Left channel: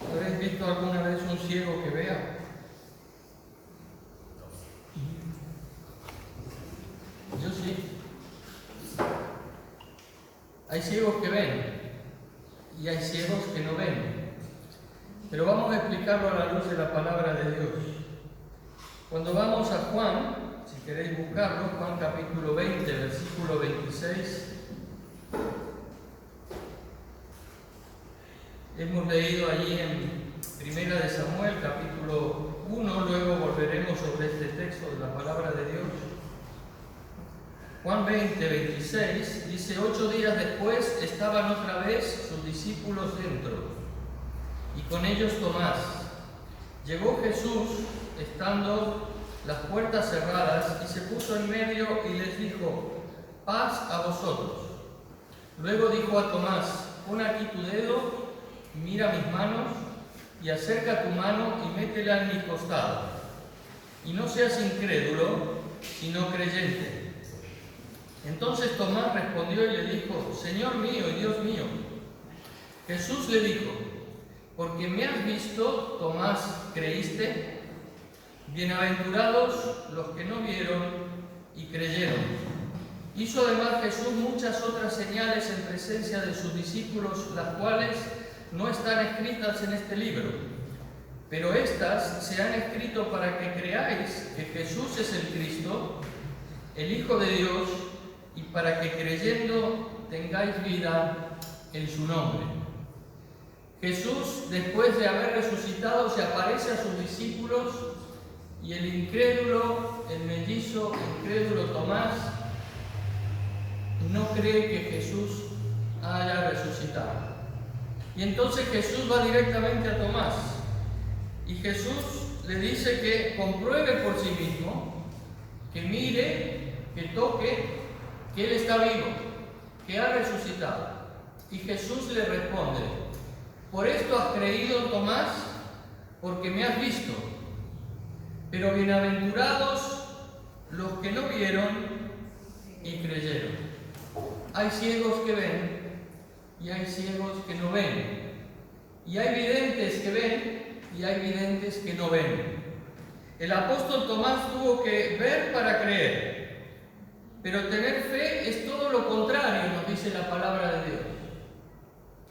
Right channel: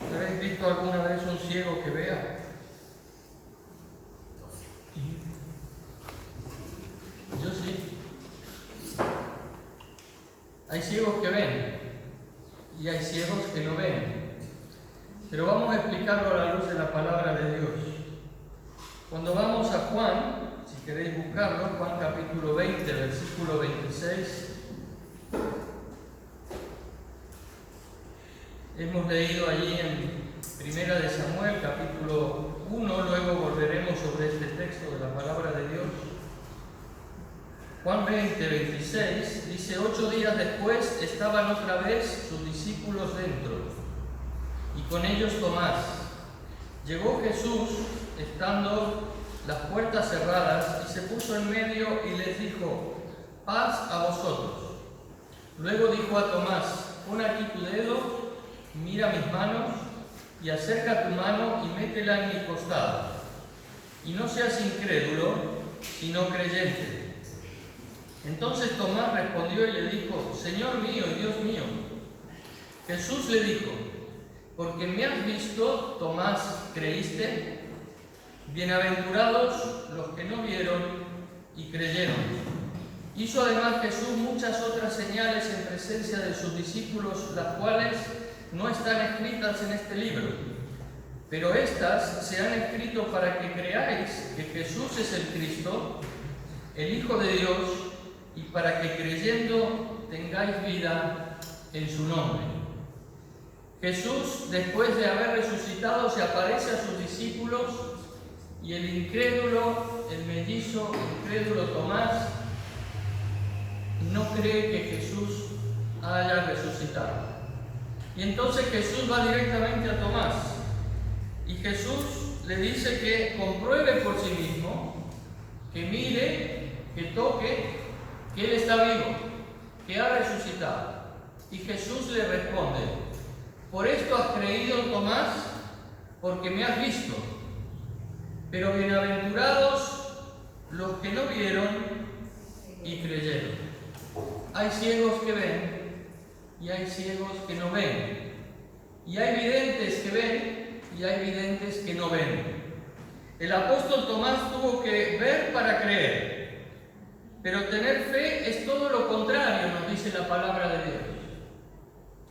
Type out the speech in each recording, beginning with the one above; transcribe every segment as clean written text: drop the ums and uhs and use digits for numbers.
¿Habéis visto alguna vez un ciego que vea? Yo sí. Hay ciegos que ven y hay ciegos que no ven. Pero vamos a explicarlo a la luz de la palabra de Dios. Cuando vamos a Juan, si queréis buscarlo, Juan capítulo 20, versículo 26. Hemos leído allí en Primera de Samuel, capítulo 1, luego volveremos sobre este texto de la palabra de Dios. Juan 20, 26 dice: 8 días después estaban otra vez sus discípulos dentro, y con ellos Tomás. Llegó Jesús, estando las puertas cerradas, y se puso en medio y les dijo: paz a vosotros. Luego dijo a Tomás: pon aquí tu dedo, mira mis manos, y acerca tu mano y métela en mi costado. Y no seas incrédulo, sino creyente. Entonces Tomás respondió y le dijo: Señor mío y Dios mío. Jesús le dijo: porque me has visto, Tomás, creíste. Bienaventurados los que no vieron y creyeron. Hizo además Jesús muchas otras señales en presencia de sus discípulos, las cuales no están escritas en este libro, pero estas se han escrito para que creáis que Jesús es el Cristo, el Hijo de Dios, y para que creyendo tengáis vida en su nombre. Jesús, después de haber resucitado, se aparece a sus discípulos, y el incrédulo, el mellizo, incrédulo Tomás, no cree que Jesús haya resucitado. Y entonces Jesús va directamente a Tomás, y Jesús le dice que compruebe por sí mismo, que mire, que toque, que Él está vivo, que ha resucitado. Y Jesús le responde: por esto has creído, Tomás, porque me has visto. Pero bienaventurados los que no vieron y creyeron. Hay ciegos que ven y hay ciegos que no ven. Y hay videntes que ven y hay videntes que no ven. El apóstol Tomás tuvo que ver para creer. Pero tener fe es todo lo contrario, nos dice la palabra de Dios.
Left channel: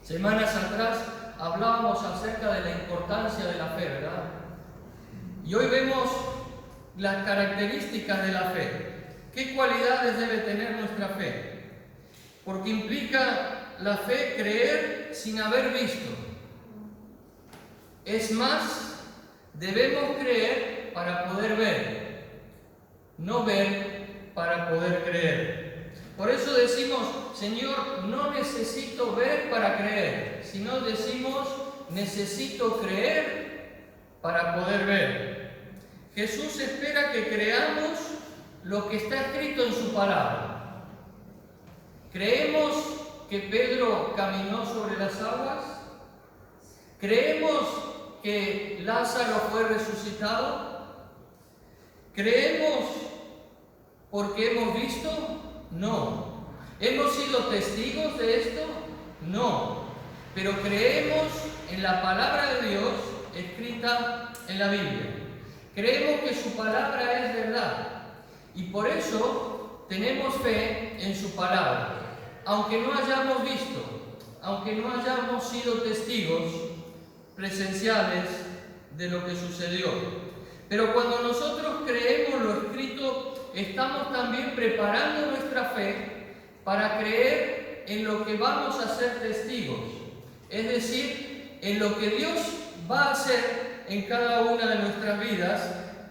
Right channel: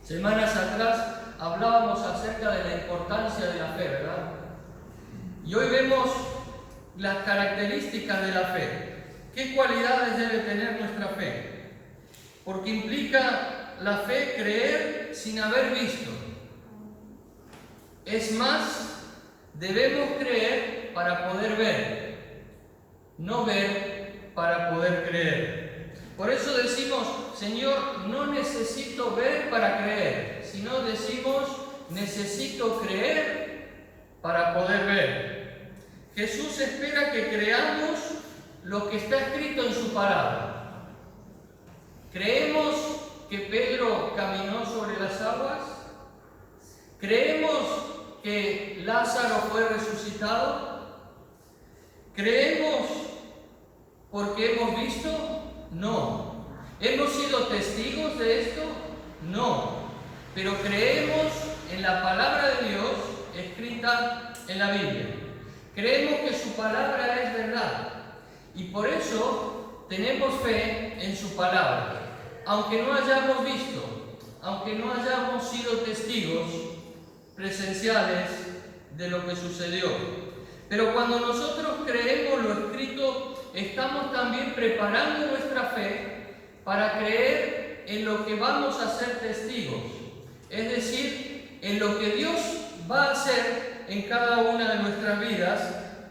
Semanas atrás hablábamos acerca de la importancia de la fe, ¿verdad? Y hoy vemos las características de la fe. ¿Qué cualidades debe tener nuestra fe? Porque implica la fe creer sin haber visto. Es más, debemos creer para poder ver, no ver para poder creer. Por eso decimos: Señor, no necesito ver para creer, sino decimos: necesito creer para poder ver. Jesús espera que creamos lo que está escrito en su palabra. ¿Creemos que Pedro caminó sobre las aguas? ¿Creemos que Lázaro fue resucitado? ¿Creemos porque hemos visto? No. ¿Hemos sido testigos de esto? No. Pero creemos en la palabra de Dios escrita en la Biblia. Creemos que su palabra es verdad y por eso tenemos fe en su palabra. Aunque no hayamos visto, aunque no hayamos sido testigos presenciales de lo que sucedió. Pero cuando nosotros creemos lo escrito, estamos también preparando nuestra fe para creer en lo que vamos a ser testigos. Es decir, en lo que Dios va a hacer en cada una de nuestras vidas,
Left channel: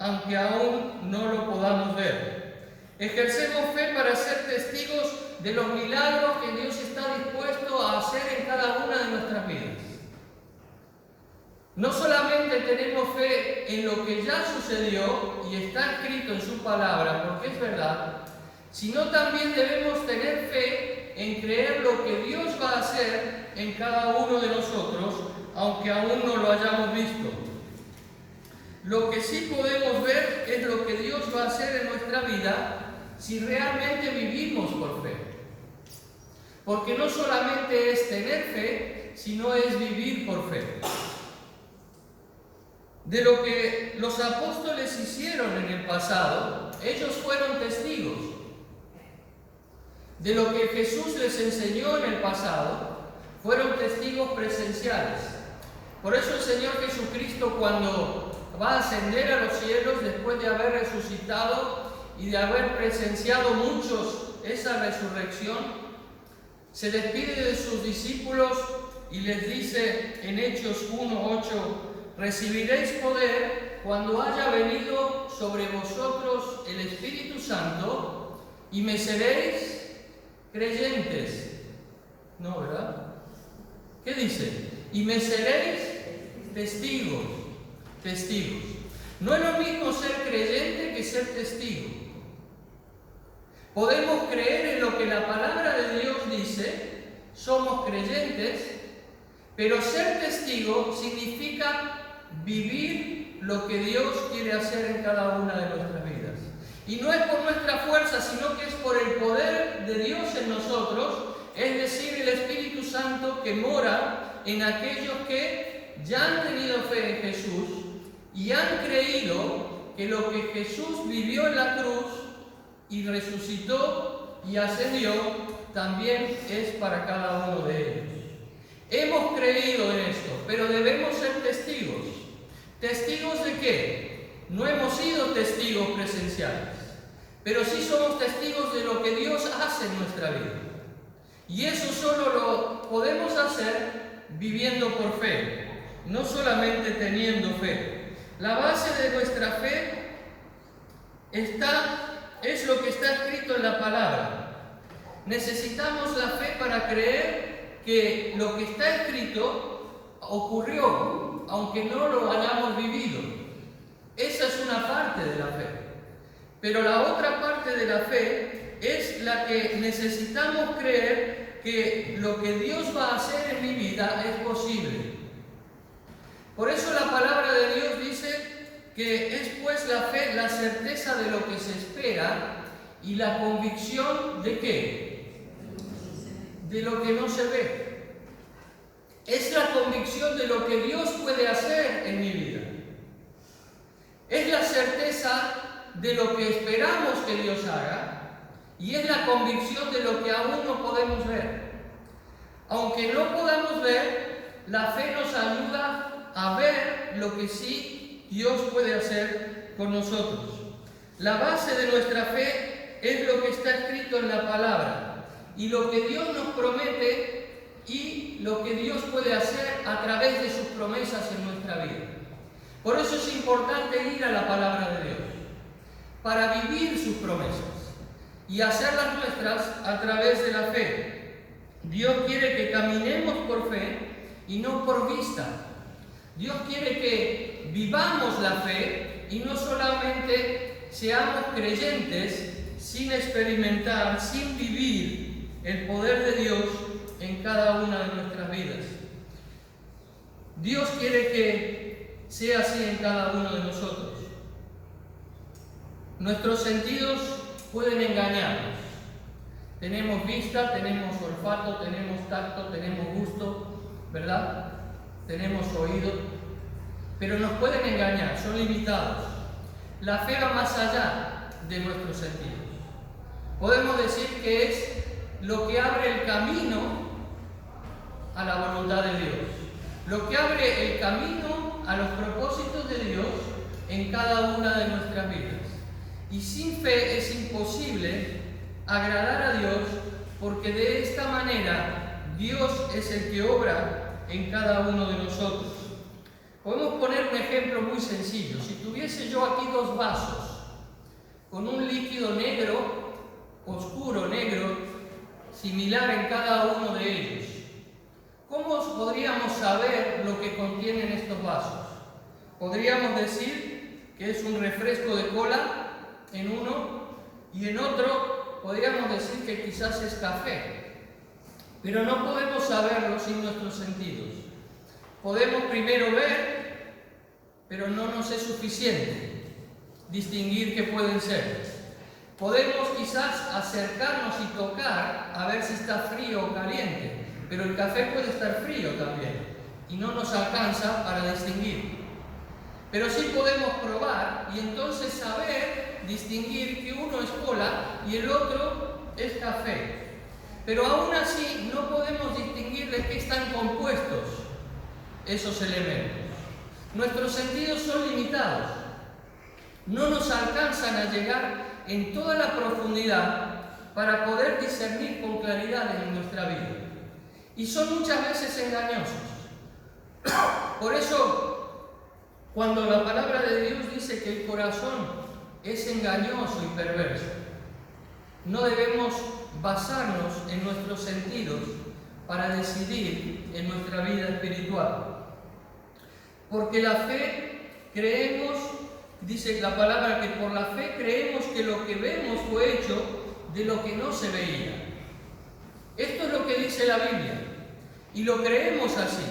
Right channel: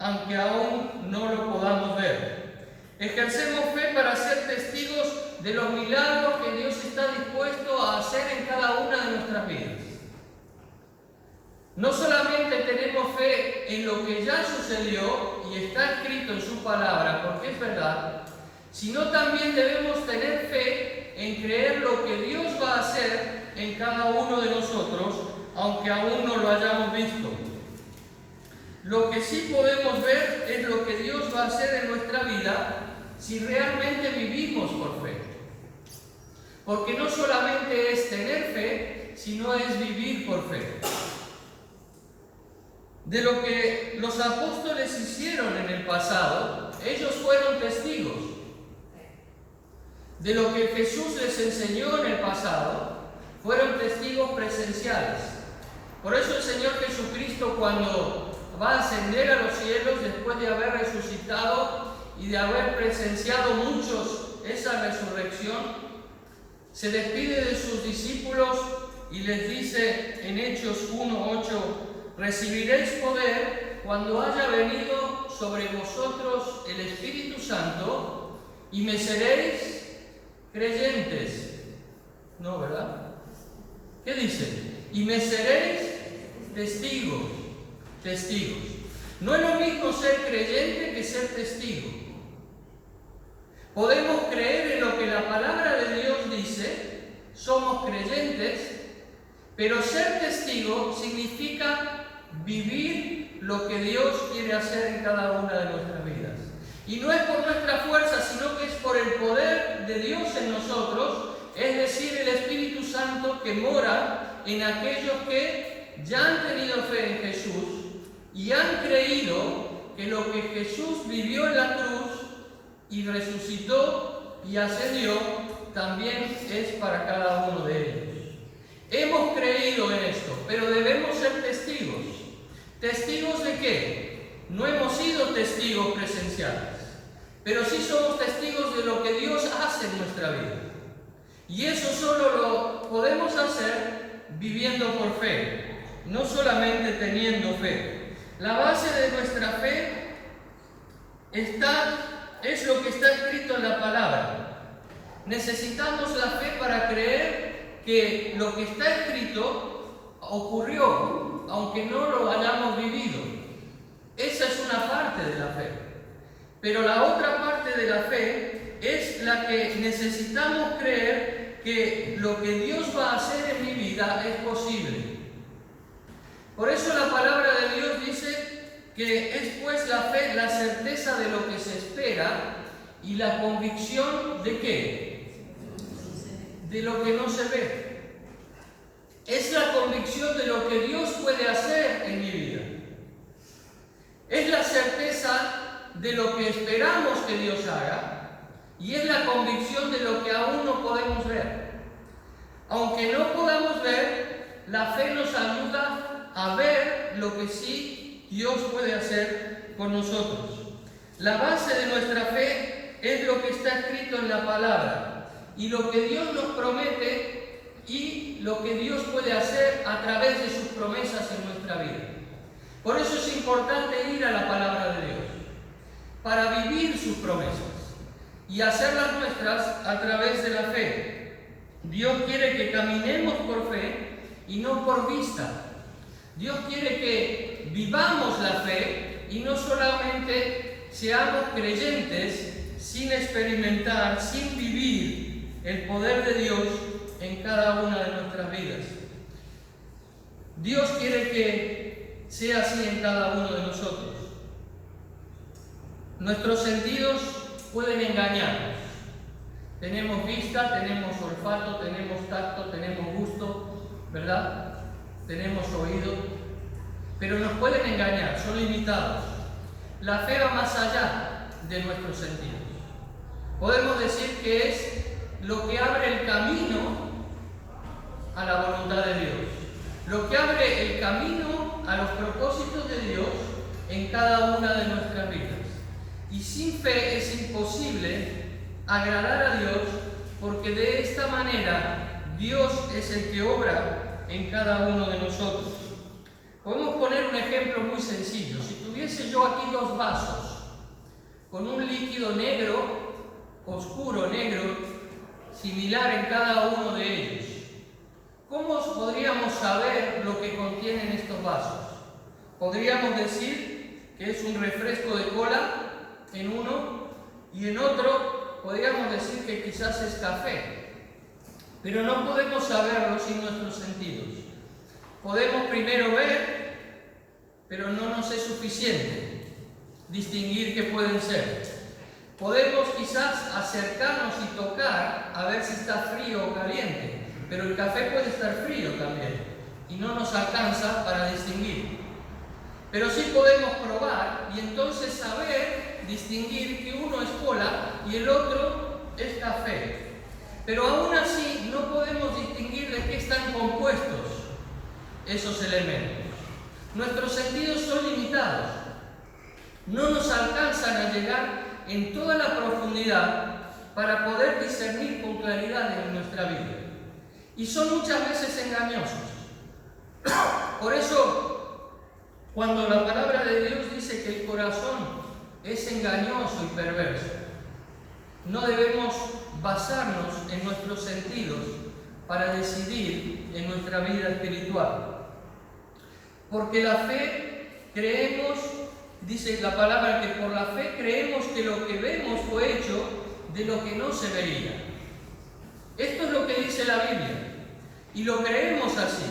aunque aún no lo podamos ver. Ejercemos fe para ser testigos de los milagros que Dios está dispuesto a hacer en cada una de nuestras vidas. No solamente tenemos fe en lo que ya sucedió y está escrito en su palabra, porque es verdad, sino también debemos tener fe en creer lo que Dios va a hacer en cada uno de nosotros, aunque aún no lo hayamos visto. Lo que sí podemos ver es lo que Dios va a hacer en nuestra vida si realmente vivimos por fe. Porque no solamente es tener fe, sino es vivir por fe. De lo que los apóstoles hicieron en el pasado, ellos fueron testigos. De lo que Jesús les enseñó en el pasado, fueron testigos presenciales. Por eso el Señor Jesucristo, cuando va a ascender a los cielos, después de haber resucitado y de haber presenciado muchos esa resurrección, se despide de sus discípulos y les dice en Hechos 1:8: recibiréis poder cuando haya venido sobre vosotros el Espíritu Santo y me seréis creyentes. No, ¿verdad? ¿Qué dice? Y me seréis testigos. Testigos. No es lo mismo ser creyente que ser testigo. Podemos creer en lo que la palabra de Dios dice, somos creyentes, pero ser testigo significa vivir lo que Dios quiere hacer en cada una de nuestras vidas. Y no es por nuestra fuerza, sino que es por el poder de Dios en nosotros, es decir, el Espíritu Santo que mora en aquellos que ya han tenido fe en Jesús y han creído que lo que Jesús vivió en la cruz y resucitó y ascendió, también es para cada uno de ellos. Hemos creído en esto, pero debemos ser testigos. ¿Testigos de qué? No hemos sido testigos presenciales, pero sí somos testigos de lo que Dios hace en nuestra vida. Y eso solo lo podemos hacer viviendo por fe, no solamente teniendo fe. La base de nuestra fe es lo que está escrito en la palabra. Necesitamos la fe para creer que lo que está escrito ocurrió, aunque no lo hayamos vivido. Esa es una parte de la fe. Pero la otra parte de la fe es la que necesitamos creer que lo que Dios va a hacer en mi vida es posible. Por eso la palabra de Dios dice que es pues la fe, la certeza de lo que se espera y la convicción de ¿qué? De lo que no se ve. Es la convicción de lo que Dios puede hacer en mi vida. Es la certeza de lo que esperamos que Dios haga y es la convicción de lo que aún no podemos ver. Aunque no podamos ver, la fe nos ayuda a ver lo que sí Dios puede hacer con nosotros. La base de nuestra fe es lo que está escrito en la palabra y lo que Dios nos promete y lo que Dios puede hacer a través de sus promesas en nuestra vida. Por eso es importante ir a la palabra de Dios, para vivir sus promesas y hacerlas nuestras a través de la fe. Dios quiere que caminemos por fe y no por vista. Dios quiere que vivamos la fe y no solamente seamos creyentes sin experimentar, sin vivir el poder de Dios en cada una de nuestras vidas. Dios quiere que sea así en cada uno de nosotros. Nuestros sentidos pueden engañarnos. Tenemos vista, tenemos olfato, tenemos tacto, tenemos gusto, ¿verdad? Tenemos oído, pero nos pueden engañar, son limitados. La fe va más allá de nuestros sentidos. Podemos decir que es lo que abre el camino a la voluntad de Dios, lo que abre el camino a los propósitos de Dios en cada una de nuestras vidas. Y sin fe es imposible agradar a Dios, porque de esta manera Dios es el que obra en cada uno de nosotros. Podemos poner un ejemplo muy sencillo. Si tuviese yo aquí dos vasos con un líquido negro, oscuro negro, similar en cada uno de ellos, ¿cómo podríamos saber lo que contienen estos vasos? Podríamos decir que es un refresco de cola en uno y en otro podríamos decir que quizás es café, pero no podemos saberlo sin nuestros sentidos. Podemos primero ver, pero no nos es suficiente distinguir qué pueden ser. Podemos quizás acercarnos y tocar a ver si está frío o caliente, pero el café puede estar frío también y no nos alcanza para distinguir. Pero sí podemos probar y entonces saber distinguir que uno es cola y el otro es café. Pero aún así no podemos distinguir de qué están compuestos esos elementos. Nuestros sentidos son limitados. No nos alcanzan a llegar en toda la profundidad para poder discernir con claridad en nuestra vida. Y son muchas veces engañosos. Por eso, cuando la palabra de Dios dice que el corazón es engañoso y perverso, no debemos basarnos en nuestros sentidos para decidir en nuestra vida espiritual. Porque la fe creemos, dice la palabra, que por la fe creemos que lo que vemos fue hecho de lo que no se veía. Esto es lo que dice la Biblia y lo creemos así.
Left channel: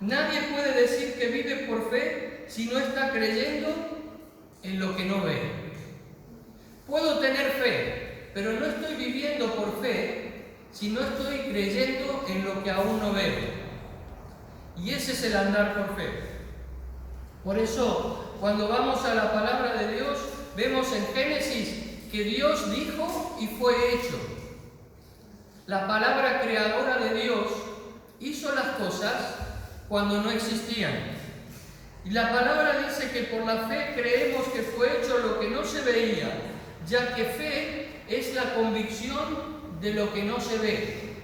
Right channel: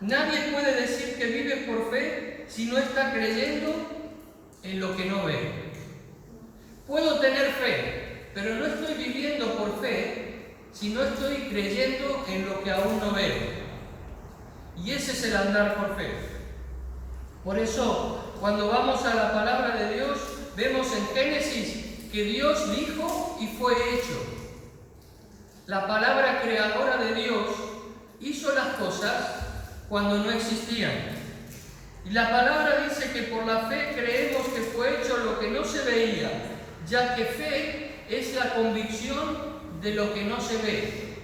Nadie puede decir que vive por fe si no está creyendo en lo que no ve. Puedo tener fe, pero no estoy viviendo por fe si no estoy creyendo en lo que aún no veo. Y ese es el andar por fe. Por eso, cuando vamos a la palabra de Dios, vemos en Génesis que Dios dijo y fue hecho. La palabra creadora de Dios hizo las cosas cuando no existían. Y la palabra dice que por la fe creemos que fue hecho lo que no se veía, ya que fe es la convicción de lo que no se ve.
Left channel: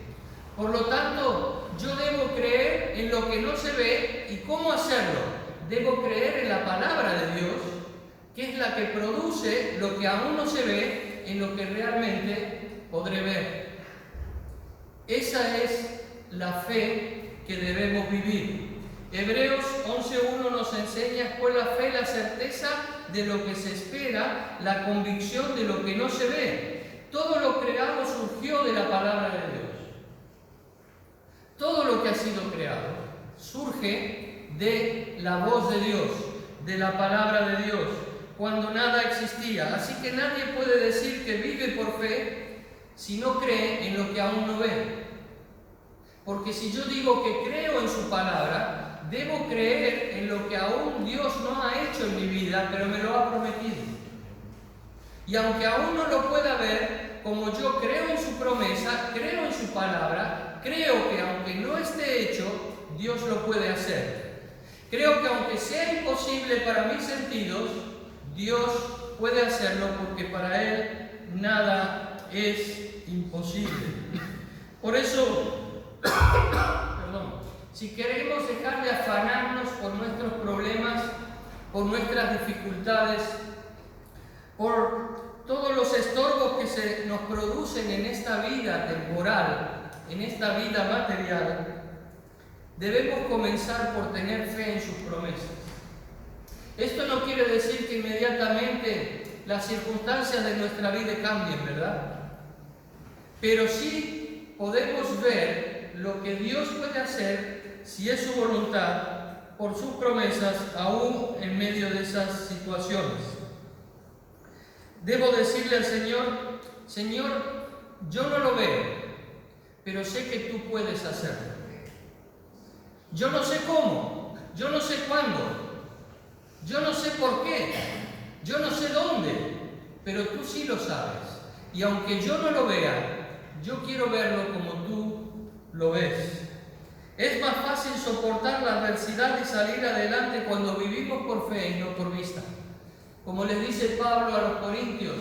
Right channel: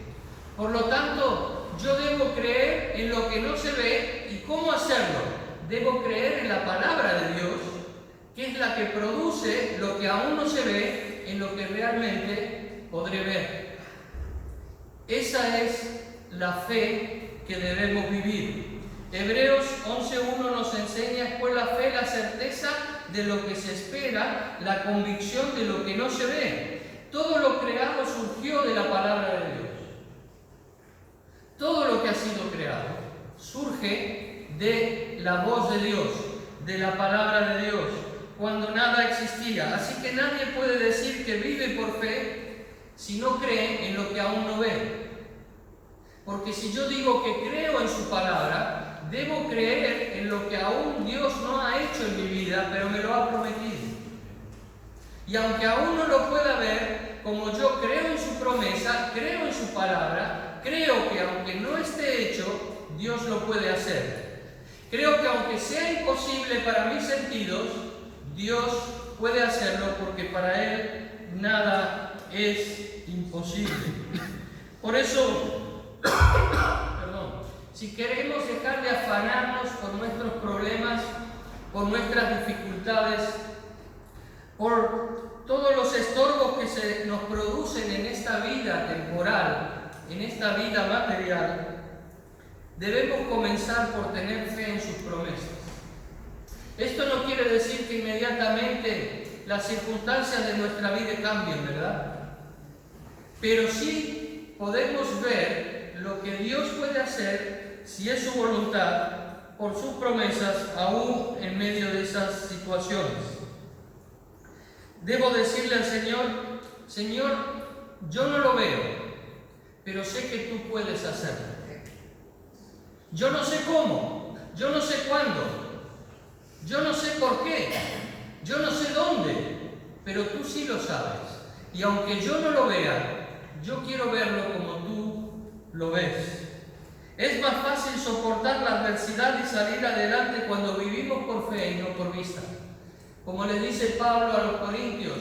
Por lo tanto, yo debo creer en lo que no se ve. ¿Y cómo hacerlo? Debo creer en la palabra de Dios, que es la que produce lo que aún no se ve en lo que realmente podré ver. Esa es la fe que debemos vivir. Hebreos 11:1 nos enseña: pues la fe, la certeza de lo que se espera, la convicción de lo que no se ve. Todo lo creado surgió de la palabra de Dios. Todo lo que ha sido creado surge de la voz de Dios, de la palabra de Dios, cuando nada existía. Así que nadie puede decir que vive por fe si no cree en lo que aún no ve. Porque si yo digo que creo en su palabra, debo creer en lo que aún Dios no ha hecho en mi vida, pero me lo ha prometido. Y aunque aún no lo pueda ver, como yo creo en su promesa, creo en su palabra, creo que aunque no esté hecho, Dios lo puede hacer. Creo que aunque sea imposible para mis sentidos, Dios puede hacerlo, porque para Él nada es imposible. Por eso, si queremos dejar de afanarnos por nuestros problemas, por nuestras dificultades, por todos los estorbos que se nos producen en esta vida temporal, en esta vida material, debemos comenzar por tener fe en sus promesas. Esto no quiere decir que inmediatamente las circunstancias de nuestra vida cambien, ¿verdad? Pero sí podemos ver lo que Dios puede hacer, si es su voluntad, por sus promesas, aún en medio de esas situaciones. Debo decirle al Señor: Señor, yo no lo veo, pero sé que tú puedes hacerlo. Yo no sé cómo, yo no sé cuándo, yo no sé por qué, yo no sé dónde, pero tú sí lo sabes. Y aunque yo no lo vea, yo quiero verlo como tú lo ves. Es más fácil soportar la adversidad y salir adelante cuando vivimos por fe y no por vista. Como le dice Pablo a los Corintios,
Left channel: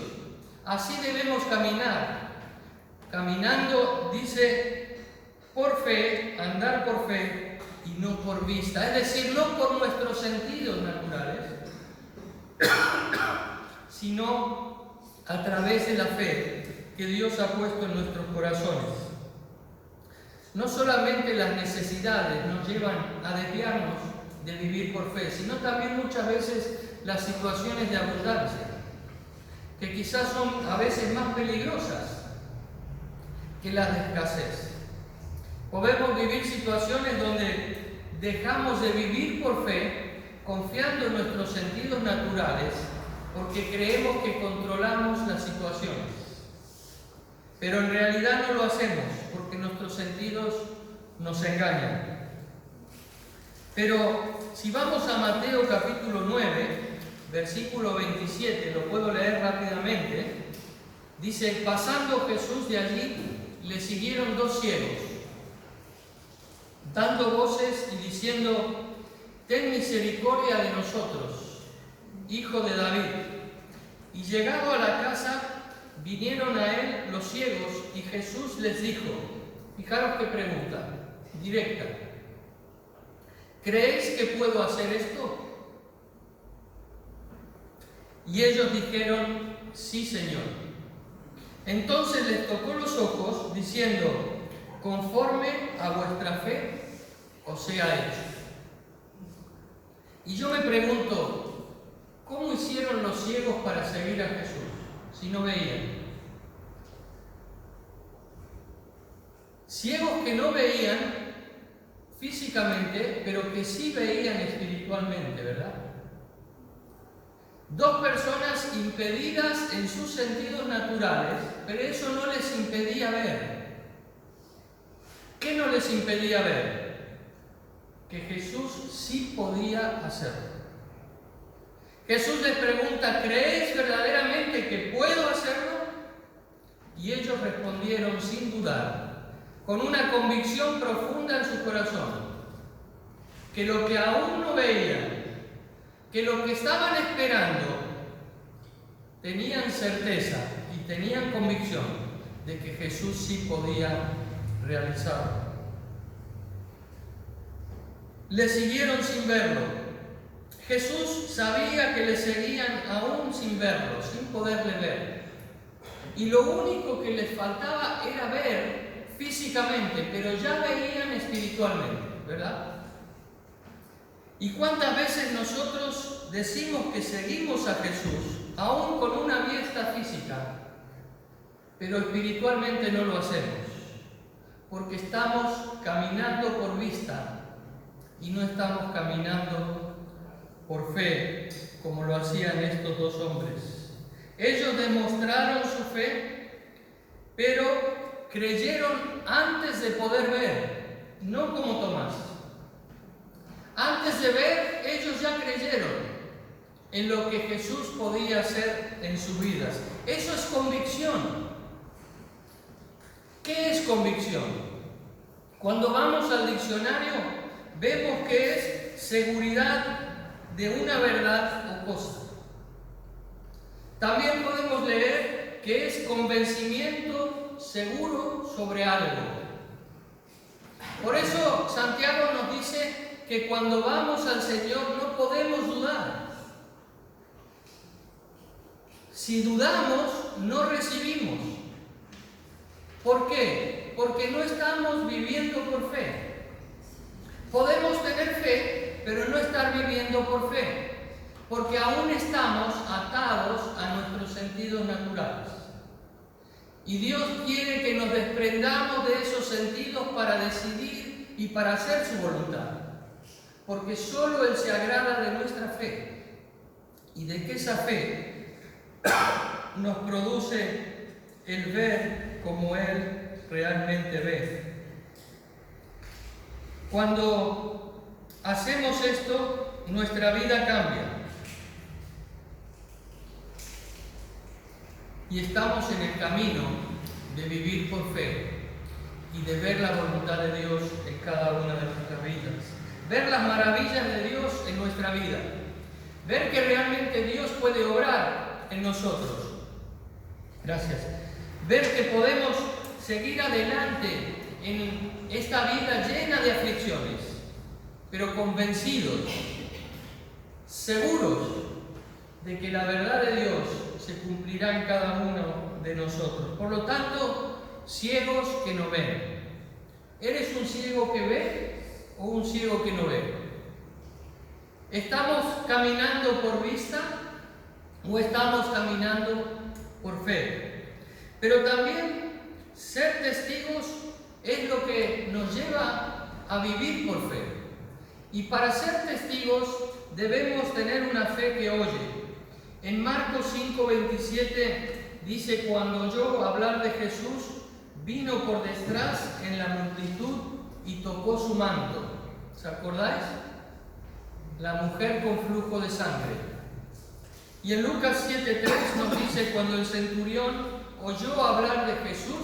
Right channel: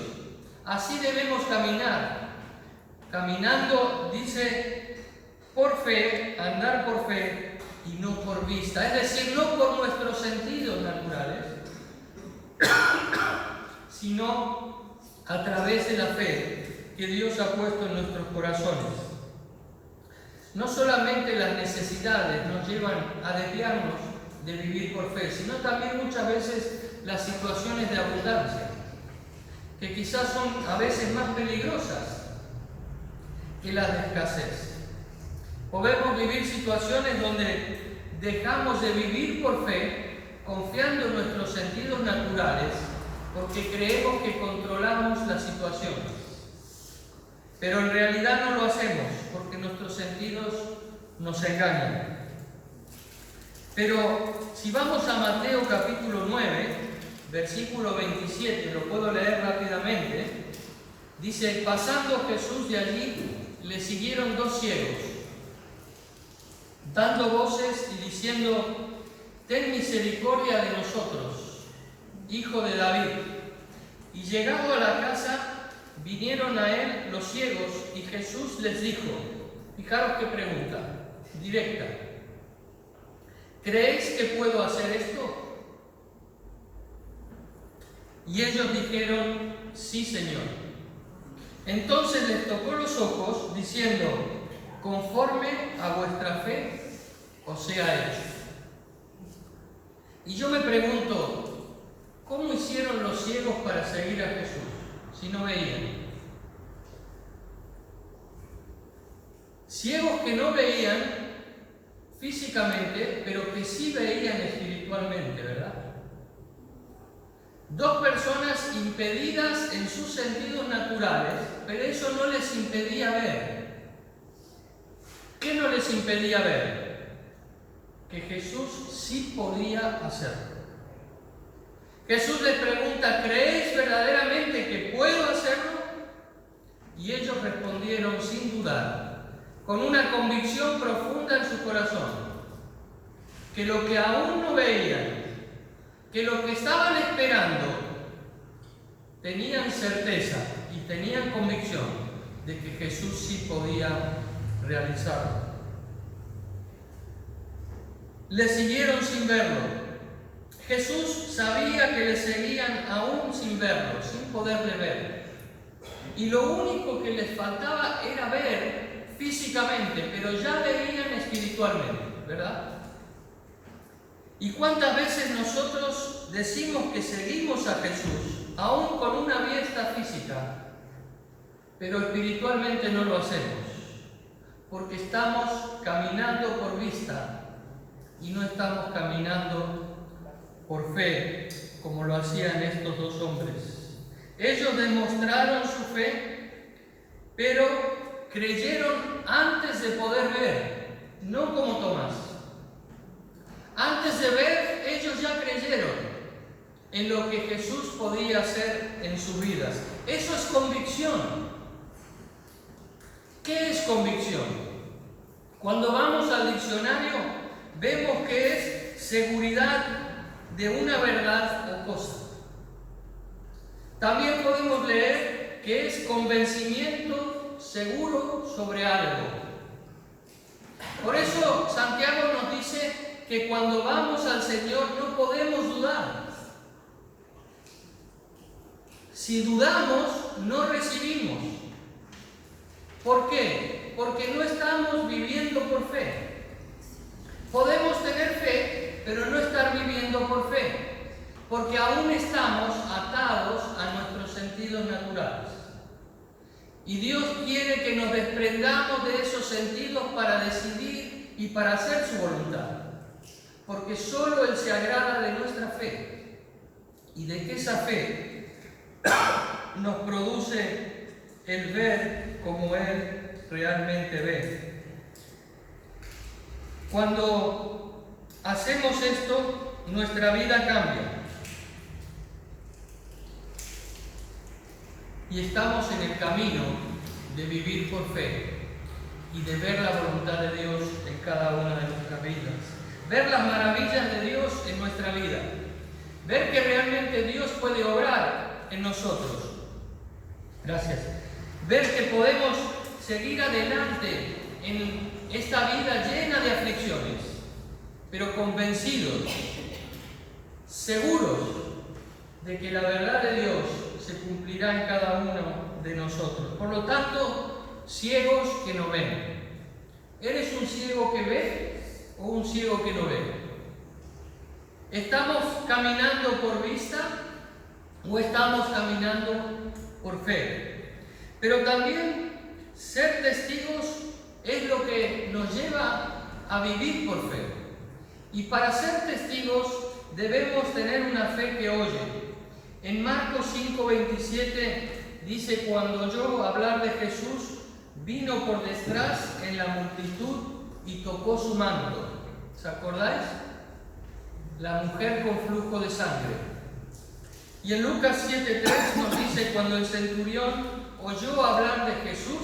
así debemos caminar. Caminando, dice, por fe, andar por fe y no por vista. Es decir, no por nuestros sentidos naturales, sino a través de la fe que Dios ha puesto en nuestros corazones. No solamente las necesidades nos llevan a desviarnos de vivir por fe, sino también muchas veces las situaciones de abundancia, que quizás son a veces más peligrosas que las de escasez. Podemos vivir situaciones donde dejamos de vivir por fe, confiando en nuestros sentidos naturales, porque creemos que controlamos las situaciones. Pero en realidad no lo hacemos, porque nuestros sentidos nos engañan. Pero si vamos a Mateo capítulo 9, versículo 27, lo puedo leer rápidamente, dice: pasando Jesús de allí, le siguieron 2 ciegos, dando voces y diciendo: ten misericordia de nosotros, hijo de David. Y llegado a la casa, vinieron a él los ciegos, y Jesús les dijo, fijaros qué pregunta, directa: ¿creéis que puedo hacer esto? Y ellos dijeron: sí, Señor. Entonces les tocó los ojos, diciendo: conforme a vuestra fe os sea hecho. Y yo me pregunto, ¿cómo hicieron los ciegos para seguir a Jesús si no veían? Ciegos que no veían físicamente, pero que sí veían espiritualmente, ¿verdad? 2 personas impedidas en sus sentidos naturales, pero eso no les impedía ver. ¿Qué no les impedía ver? Que Jesús sí podía hacerlo. Jesús les pregunta: ¿creéis verdaderamente que puedo hacerlo? Y ellos respondieron sin dudar, con una convicción profunda en su corazón, que lo que aún no veían, que lo que estaban esperando, tenían certeza y tenían convicción de que Jesús sí podía realizarlo. Le siguieron sin verlo. Jesús sabía que le seguían aún sin verlo, sin poderle ver. Y lo único que les faltaba era ver físicamente, pero ya veían espiritualmente, ¿verdad? ¿Y cuántas veces nosotros decimos que seguimos a Jesús, aún con una vista física, pero espiritualmente no lo hacemos? Porque estamos caminando por vista y no estamos caminando por fe, como lo hacían estos 2 hombres. Ellos demostraron su fe, pero creyeron antes de poder ver, no como Tomás. Antes de ver, ellos ya creyeron en lo que Jesús podía hacer en sus vidas. Eso es convicción. ¿Qué es convicción? Cuando vamos al diccionario, vemos que es seguridad de una verdad o cosa. También podemos leer que es convencimiento seguro sobre algo. Por eso Santiago nos dice que cuando vamos al Señor no podemos dudar. Si dudamos, no recibimos. ¿Por qué? Porque no estamos viviendo por fe. Podemos tener fe, pero no estar viviendo por fe, porque aún estamos atados a nuestros sentidos naturales. Y Dios quiere que nos desprendamos de esos sentidos para decidir y para hacer su voluntad, porque solo Él se agrada de nuestra fe y de que esa fe nos produce el ver como Él realmente ve. Cuando hacemos esto, nuestra vida cambia y estamos en el camino de vivir por fe y de ver la voluntad de Dios en cada una de nuestras vidas, ver las maravillas de Dios en nuestra vida, ver que realmente Dios puede obrar en nosotros. Gracias. Ver que podemos seguir adelante en esta vida llena de aflicciones, pero convencidos, seguros de que la verdad de Dios se cumplirá en cada uno de nosotros. Por lo tanto, ciegos que no ven. ¿Eres un ciego que ve o un ciego que no ve? ¿Estamos caminando por vista o estamos caminando por fe? Pero también ser testigos es lo que nos lleva a vivir por fe. Y para ser testigos debemos tener una fe que oye. En Marcos 5:27 dice: cuando oyó hablar de Jesús, vino por detrás en la multitud y tocó su manto. ¿Se acordáis? La mujer con flujo de sangre. Y en Lucas 7:3 nos dice: cuando el centurión oyó hablar de Jesús,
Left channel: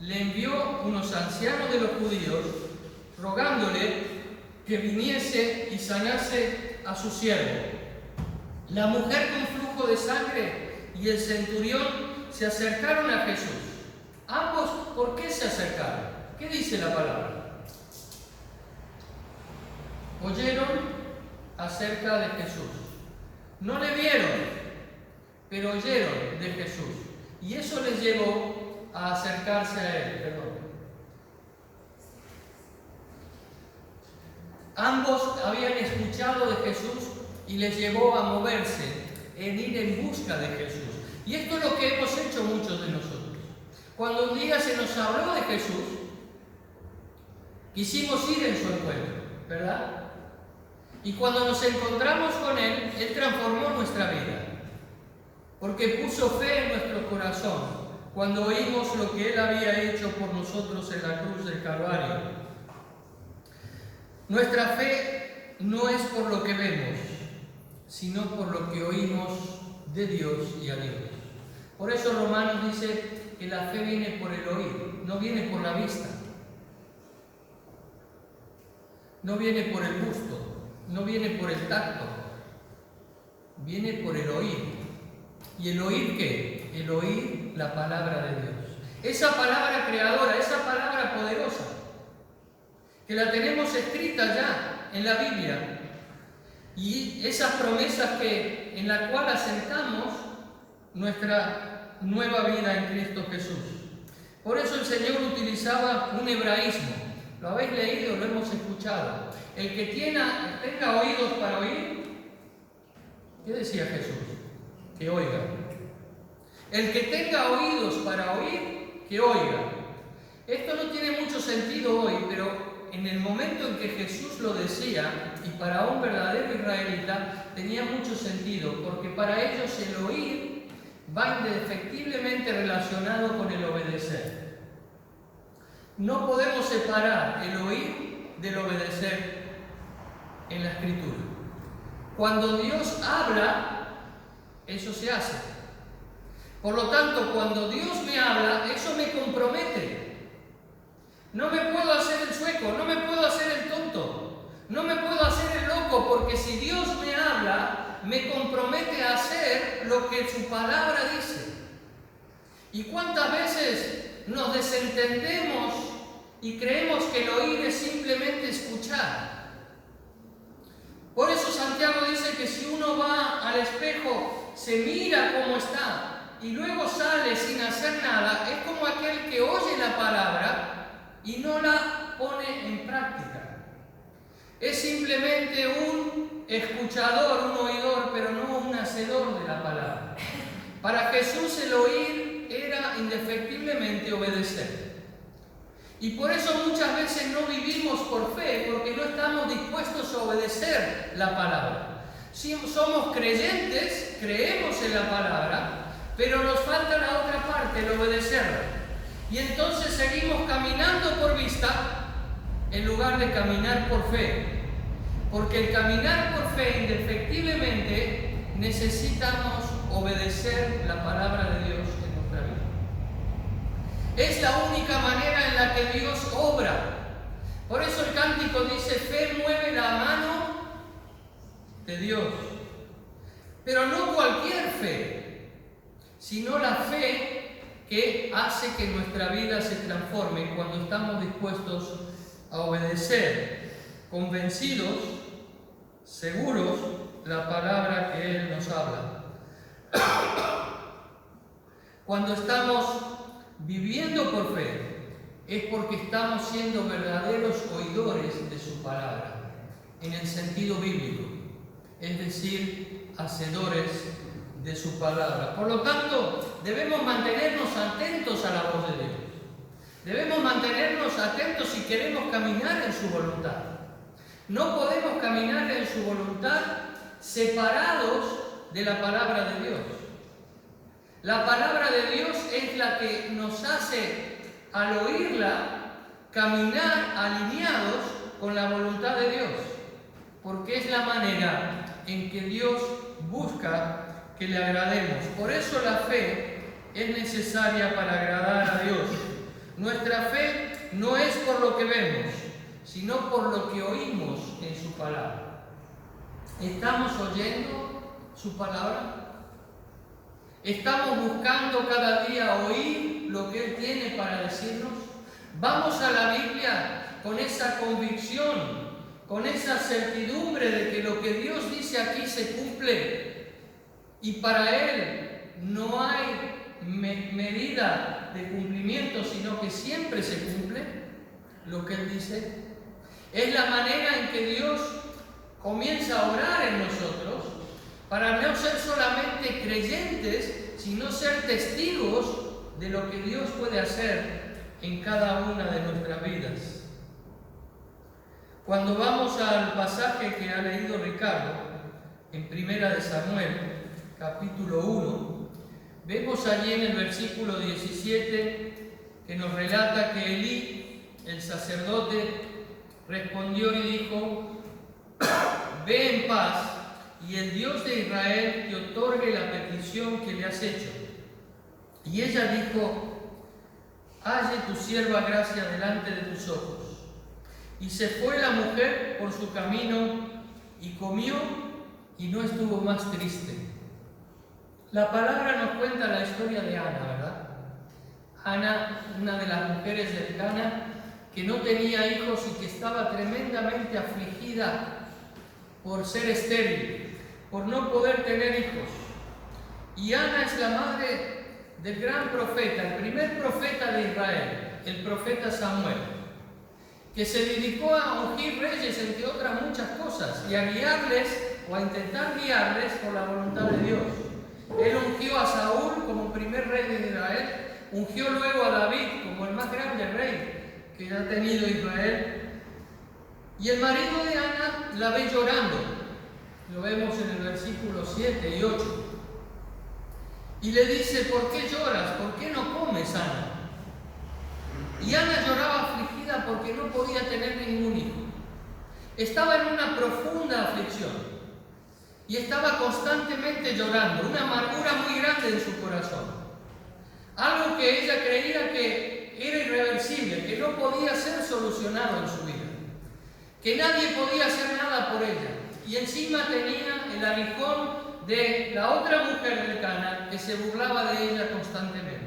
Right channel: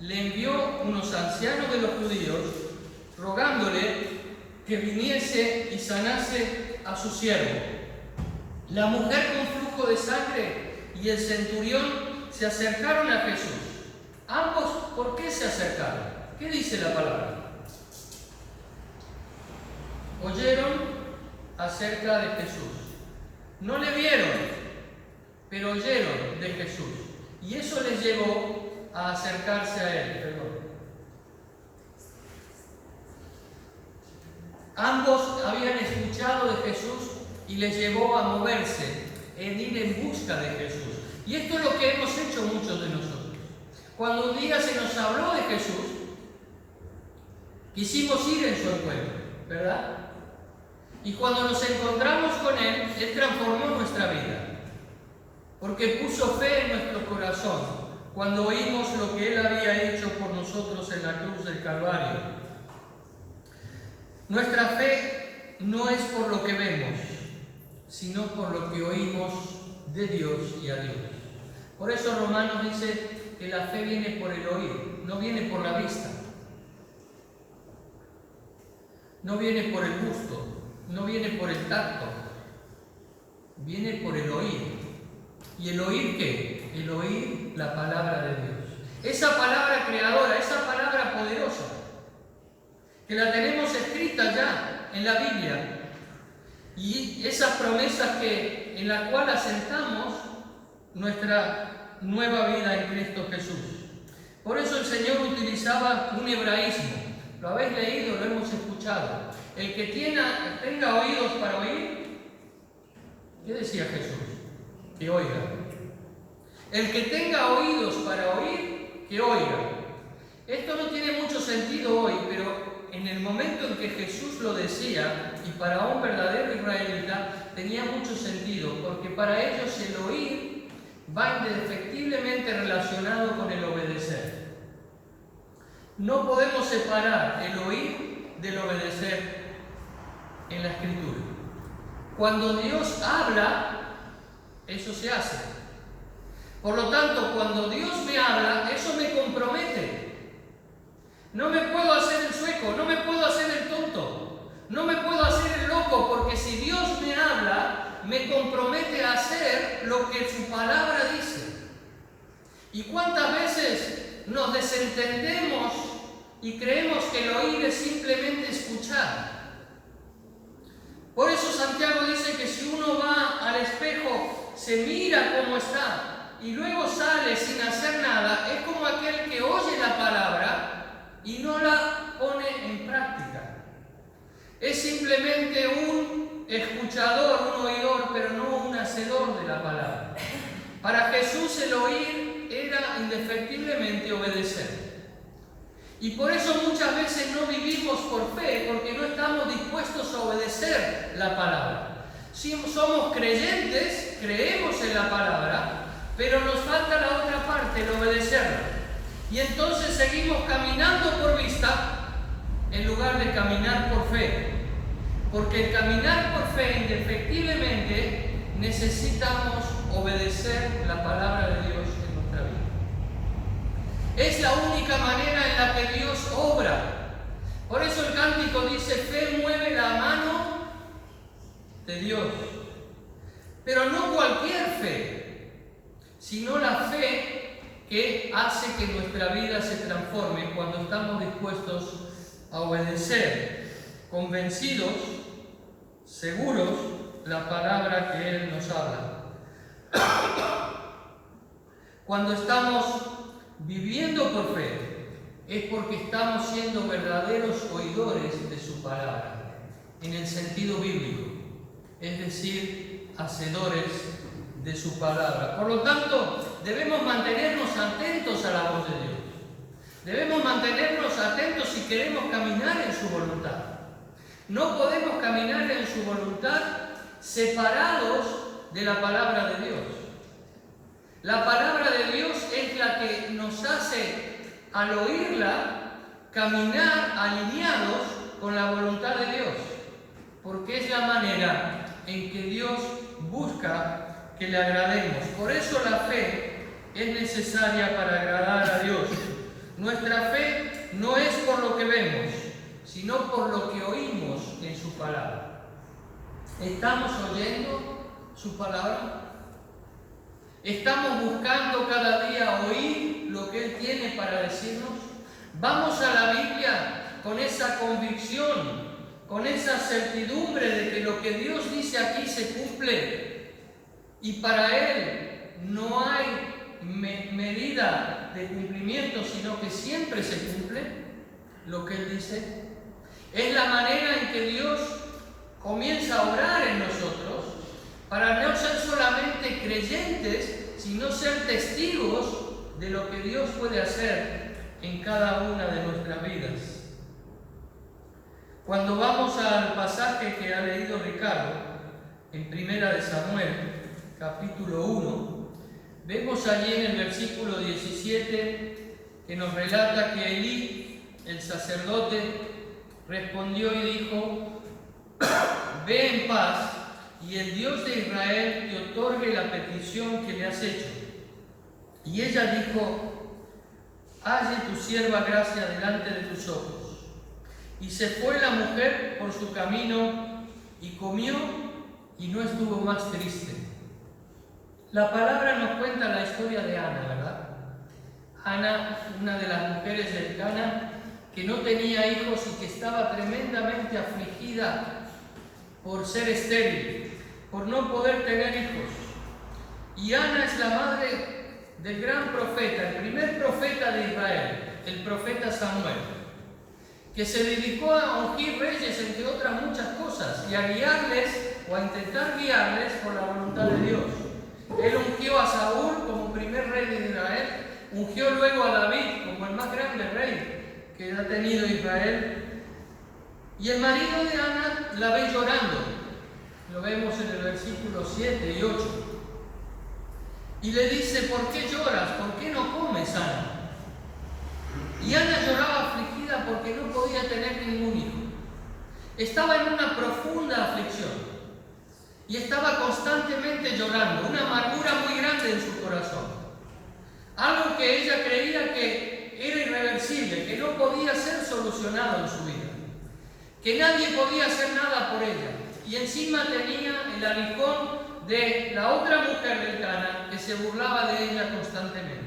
le envió unos ancianos de los judíos, rogándole que viniese y sanase a su siervo. La mujer con flujo de sangre y el centurión se acercaron a Jesús. Ambos, ¿por qué se acercaron? ¿Qué dice la palabra? Oyeron acerca de Jesús. No le vieron, pero oyeron de Jesús. Y eso les llevó a acercarse a él. Perdón. Ambos habían escuchado de Jesús y les llevó a moverse, en ir en busca de Jesús. Y esto es lo que hemos hecho muchos de nosotros. Cuando un día se nos habló de Jesús, quisimos ir en su encuentro, ¿verdad? Y cuando nos encontramos con Él, Él transformó nuestra vida, porque puso fe en nuestro corazón cuando oímos lo que Él había hecho por nosotros en la cruz del Calvario. Nuestra fe no es por lo que vemos, sino por lo que oímos de Dios y a Dios. Por eso Romanos dice que la fe viene por el oír, no viene por la vista, no viene por el gusto, no viene por el tacto, viene por el oír. ¿Y el oír qué? El oír la palabra de Dios. Esa palabra creadora, esa palabra poderosa, que la tenemos escrita ya en la Biblia, y esas promesas en la cual asentamos nuestra nueva vida en Cristo Jesús. Por eso el Señor utilizaba un hebraísmo. ¿Lo habéis leído? Lo hemos escuchado. El que tenga oídos para oír, ¿qué decía Jesús? Que oiga. El que tenga oídos para oír, que oiga. Esto no tiene mucho sentido hoy, pero en el momento en que Jesús lo decía, y para un verdadero israelita, tenía mucho sentido, porque para ellos el oír va indefectiblemente relacionado con el obedecer. No podemos separar el oír del obedecer en la Escritura. Cuando Dios habla, eso se hace. Por lo tanto, cuando Dios me habla, eso me compromete. No me puedo hacer el sueco, no me puedo hacer el tonto, no me puedo hacer el loco, porque si Dios me habla, me compromete a hacer lo que su palabra dice. ¿Y cuántas veces nos desentendemos y creemos que el oír es simplemente escuchar? Por eso Santiago dice que si uno va al espejo, se mira cómo está y luego sale sin hacer nada, es como aquel que oye la palabra y no la pone en práctica. Es simplemente un escuchador, un oidor, pero no un hacedor de la palabra. Para Jesús el oír era indefectiblemente obedecer. Y por eso muchas veces no vivimos por fe, porque no estamos dispuestos a obedecer la palabra. Si somos creyentes, creemos en la palabra, pero nos falta la otra parte, el obedecerla. Y entonces seguimos caminando por vista en lugar de caminar por fe. Porque el caminar por fe, indefectiblemente, necesitamos obedecer la palabra de Dios en nuestra vida. Es la única manera en la que Dios obra. Por eso el cántico dice: fe mueve la mano de Dios. Pero no cualquier fe, sino la fe que hace que nuestra vida se transforme cuando estamos dispuestos a obedecer, convencidos, seguros, la palabra que Él nos habla. Cuando estamos viviendo por fe, es porque estamos siendo verdaderos oidores de su palabra, en el sentido bíblico, es decir, hacedores de su palabra. Por lo tanto, debemos mantenernos atentos a la voz de Dios. Debemos mantenernos atentos si queremos caminar en su voluntad. No podemos caminar en su voluntad separados de la palabra de Dios. La palabra de Dios es la que nos hace, al oírla, caminar alineados con la voluntad de Dios, porque es la manera en que Dios busca que le agrademos. Por eso la fe es necesaria para agradar a Dios. Nuestra fe no es por lo que vemos, sino por lo que oímos en su palabra. ¿Estamos oyendo su palabra? ¿Estamos buscando cada día oír lo que Él tiene para decirnos? ¿Vamos a la Biblia con esa convicción, con esa certidumbre de que lo que Dios dice aquí se cumple y para Él no hay medida de cumplimiento, sino que siempre se cumple lo que Él dice? Es la manera en que Dios comienza a obrar en nosotros para no ser solamente creyentes, sino ser testigos de lo que Dios puede hacer en cada una de nuestras vidas. Cuando vamos al pasaje que ha leído Ricardo, en 1 Samuel, capítulo 1, vemos allí en el versículo 17 que nos relata que Elí, el sacerdote, respondió y dijo: ve en paz, y el Dios de Israel te otorgue la petición que le has hecho. Y ella dijo: halle tu sierva gracia delante de tus ojos. Y se fue la mujer por su camino y comió y no estuvo más triste. La palabra nos cuenta la historia de Ana, ¿verdad? Ana, una de las mujeres del Cana, que no tenía hijos y que estaba tremendamente afligida por ser estéril, por no poder tener hijos. Y Ana es la madre del gran profeta, el primer profeta de Israel, el profeta Samuel, que se dedicó a ungir reyes, entre otras muchas cosas, y a guiarles o a intentar guiarles por la voluntad de Dios. Él ungió a Saúl como primer rey de Israel, ungió luego a David como el más grande rey que ha tenido Israel. Y el marido de Ana la ve llorando, lo vemos en el versículo 7 y 8. Y le dice: ¿por qué lloras? ¿Por qué no comes, Ana? Y Ana lloraba afligida porque no podía tener ningún hijo. Estaba en una profunda aflicción y estaba constantemente llorando, una amargura muy grande en su corazón. Algo que ella creía que era irreversible, que no podía ser solucionado en su vida, que nadie podía hacer nada por ella. Y encima tenía el aguijón de la otra mujer del Cana que se burlaba de ella constantemente.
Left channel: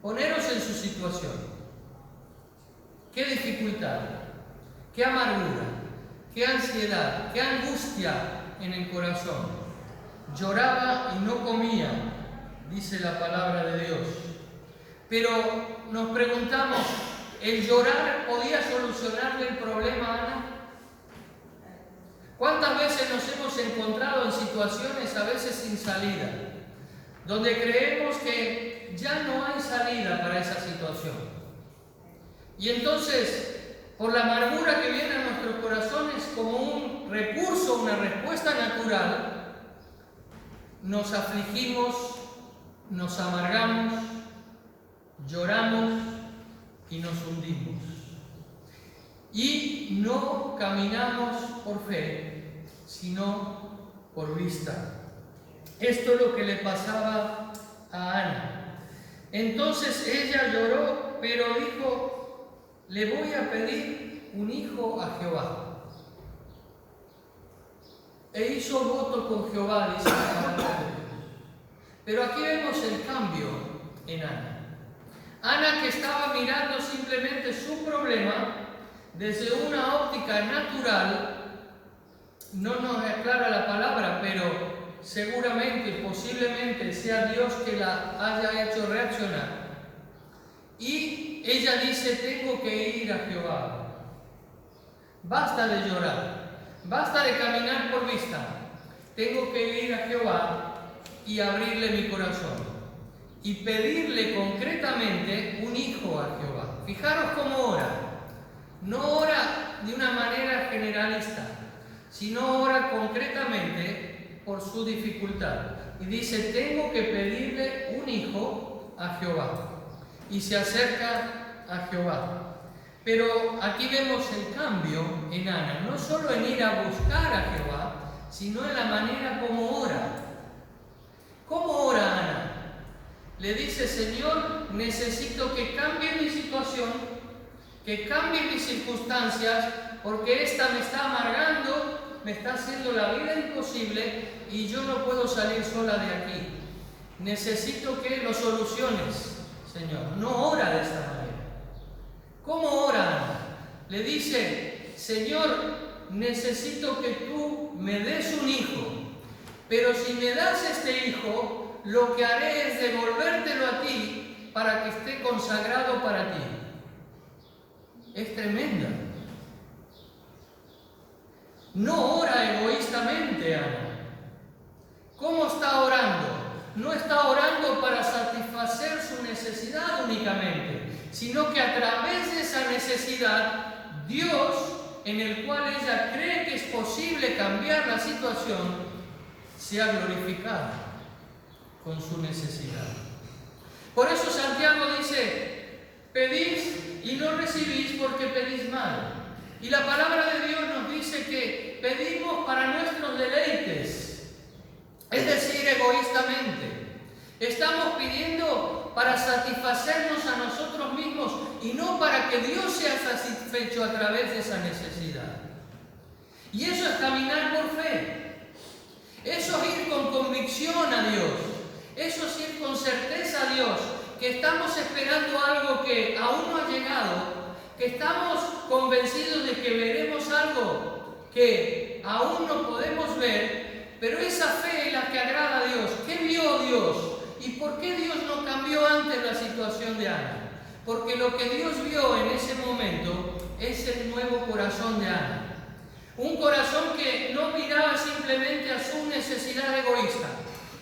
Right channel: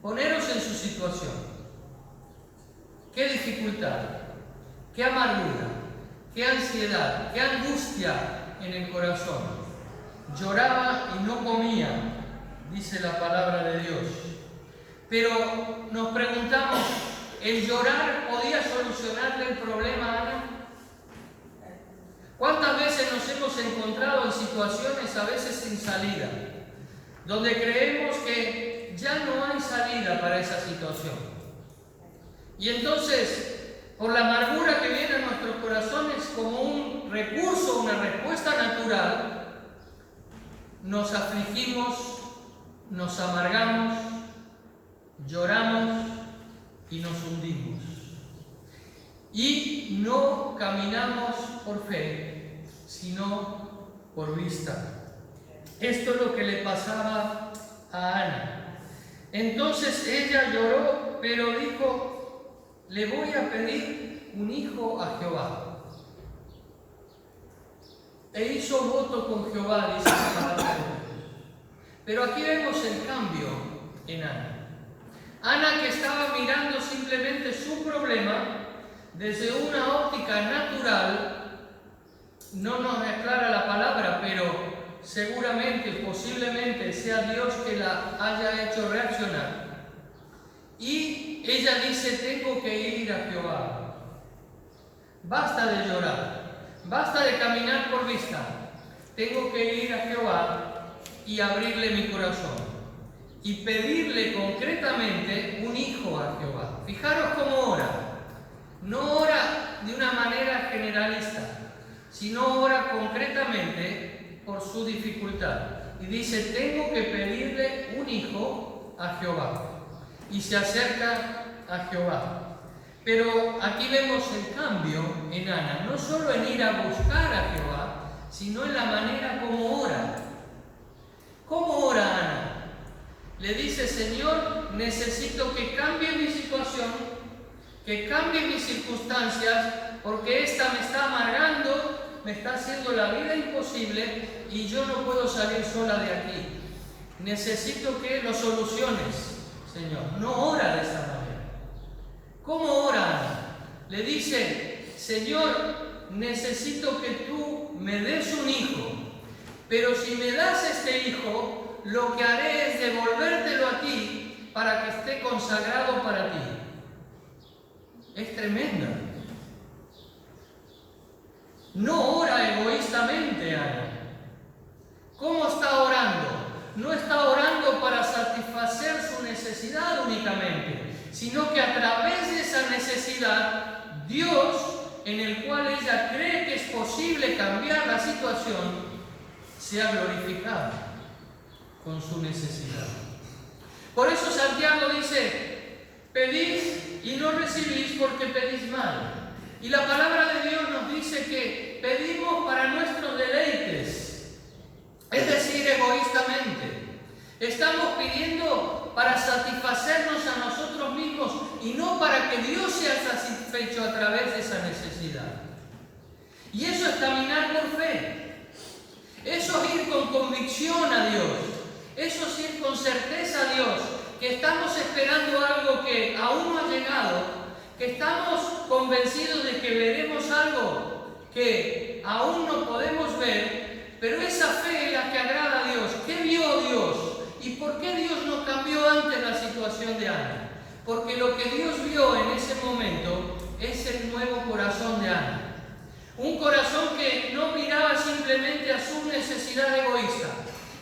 Poneros en su situación. Qué dificultad, qué amargura, qué ansiedad, qué angustia en el corazón. Lloraba y no comía, dice la palabra de Dios. Pero nos preguntamos, ¿el llorar podía solucionarle el problema a Ana? ¿Cuántas veces nos hemos encontrado en situaciones a veces sin salida, donde creemos que ya no hay salida para esa situación? Y entonces, por la amargura que viene a nuestros corazones como un recurso, una respuesta natural, nos afligimos, nos amargamos, lloramos y nos hundimos. Y no caminamos por fe, sino por vista. Esto es lo que le pasaba a Ana. Entonces ella lloró, pero dijo: le voy a pedir un hijo a Jehová. E hizo voto con Jehová, dice la palabra de Dios. Pero aquí vemos el cambio en Ana. Ana, que estaba mirando simplemente su problema desde una óptica natural, no nos aclara la palabra, pero seguramente, posiblemente sea Dios que la haya hecho reaccionar. Y ella dice: tengo que ir a Jehová. Basta de llorar, basta de caminar por vista. Tengo que ir a Jehová y abrirle mi corazón y pedirle concretamente un hijo a Jehová. Fijaros cómo ora. No ora de una manera generalista, sino ora concretamente por su dificultad. Y dice, tengo que pedirle un hijo a Jehová. Y se acerca a Jehová. Pero aquí vemos el cambio en Ana, no solo en ir a buscar a Jehová, sino en la manera como ora. ¿Cómo ora Ana? Le dice, Señor, necesito que cambie mi situación, que cambie mis circunstancias, porque esta me está amargando, me está haciendo la vida imposible y yo no puedo salir sola de aquí. Necesito que lo soluciones, Señor. No ora de esta manera. ¿Cómo ora Ana? Le dice, Señor, necesito que tú me des un hijo, pero si me das este hijo, lo que haré es devolvértelo a ti para que esté consagrado para ti. Es tremenda. No ora egoístamente, Ana. ¿Cómo está orando? No está orando para satisfacer su necesidad únicamente, sino que a través de esa necesidad, Dios, en el cual ella cree que es posible cambiar la situación, sea glorificado con su necesidad. Por eso Santiago dice, pedís y no recibís porque pedís mal. Y la palabra de Dios nos dice que pedimos para nuestros deleites, es decir, egoístamente. Estamos pidiendo para satisfacernos a nosotros mismos y no para que Dios sea satisfecho a través de esa necesidad. Y eso es caminar por fe. Eso es ir con convicción a Dios. Eso es ir con certeza a Dios, que estamos esperando algo que aún no ha llegado, que estamos convencidos de que veremos algo que aún no podemos ver, pero esa fe es la que agrada a Dios. ¿Qué vio Dios? ¿Y por qué Dios no cambió antes la situación de Ana? Porque lo que Dios vio en ese momento es el nuevo corazón de Ana. Un corazón que no miraba simplemente a su necesidad egoísta,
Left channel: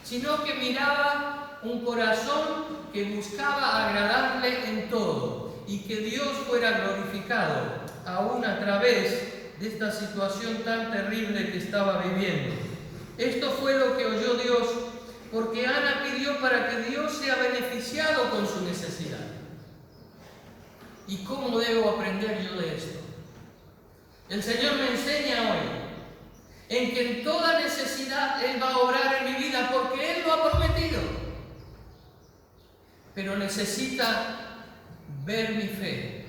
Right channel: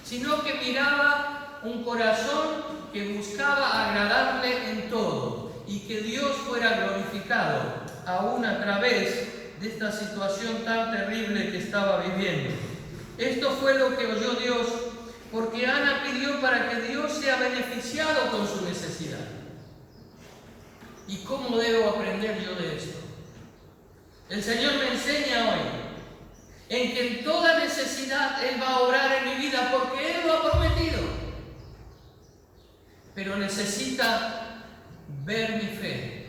sino que miraba un corazón que buscaba agradarle en todo y que Dios fuera glorificado, aún a través de esta situación tan terrible que estaba viviendo. Esto fue lo que oyó Dios, porque Ana pidió para que Dios sea beneficiado con su necesidad. ¿Y cómo debo aprender yo de esto? El Señor me enseña hoy en que en toda necesidad Él va a obrar en mi vida porque Él lo ha prometido. Pero necesita ver mi fe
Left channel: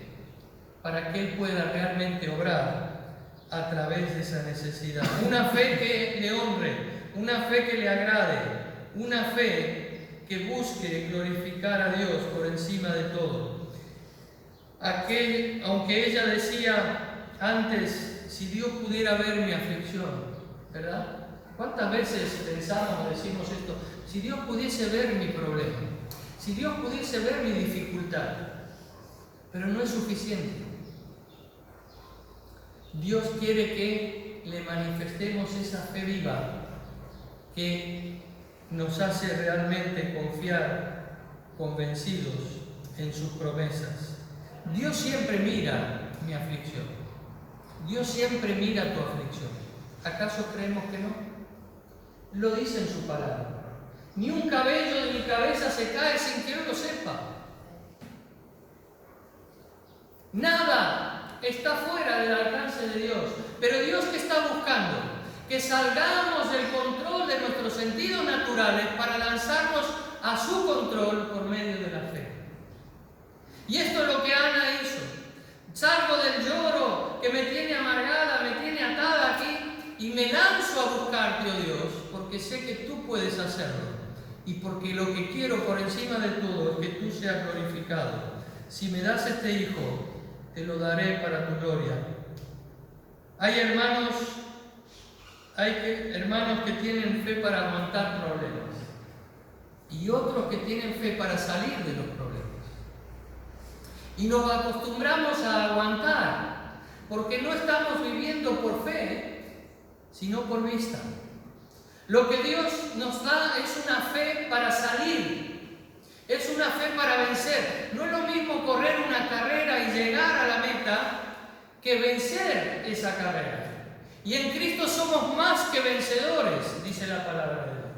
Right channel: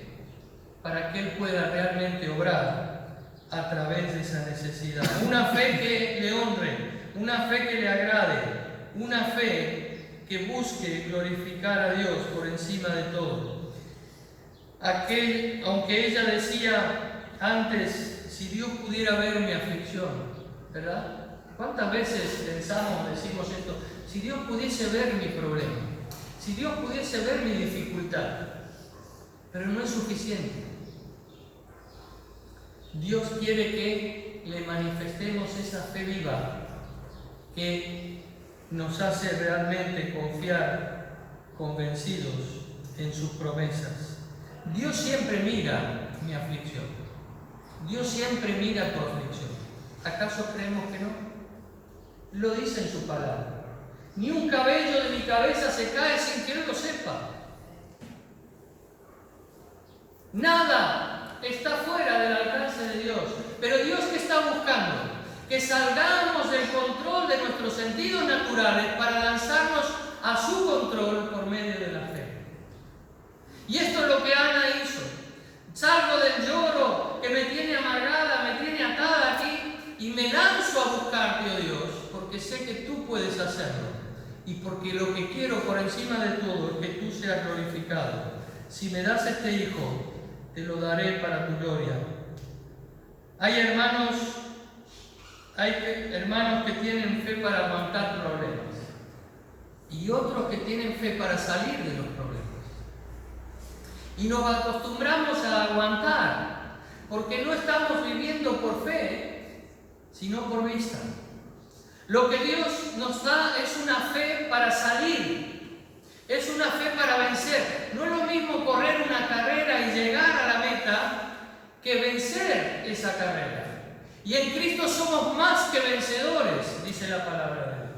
para que Él pueda realmente obrar a través de esa necesidad. Una fe que le honre, una fe que le agrade, una fe que busque glorificar a Dios por encima de todo. Aunque ella decía antes, si Dios pudiera ver mi aflicción, ¿verdad? ¿Cuántas veces decimos esto? Si Dios pudiese ver mi problema, si Dios pudiese ver mi dificultad, pero no es suficiente. Dios quiere que le manifestemos esa fe viva que nos hace realmente confiar, convencidos en sus promesas. Dios siempre mira mi aflicción. Dios siempre mira tu aflicción. ¿Acaso creemos que no? Lo dice en su palabra. Ni un cabello de mi cabeza se cae sin que yo lo sepa. Nada está fuera del alcance de Dios. Pero Dios, que está buscando que salgamos del control de nuestros sentidos naturales para lanzarnos a su control por medio de la fe. Y esto es lo que Ana hizo. Salgo del lloro que me tiene amargada, me tiene atada aquí y me lanzo a buscarte, oh Dios, porque sé que tú puedes hacerlo y porque lo que quiero por encima de todo es que tú seas glorificado. Si me das este hijo, te lo daré para tu gloria. Hay hermanos que tienen fe para aguantar problemas y otros que tienen fe para salir de los problemas. Y nos acostumbramos a aguantar, porque no estamos viviendo por fe, sino por vista. Lo que Dios nos da es una fe para salir, es una fe para vencer. No es lo mismo correr una carrera y llegar a la meta que vencer esa carrera. Y en Cristo somos más que vencedores, dice la palabra de Dios.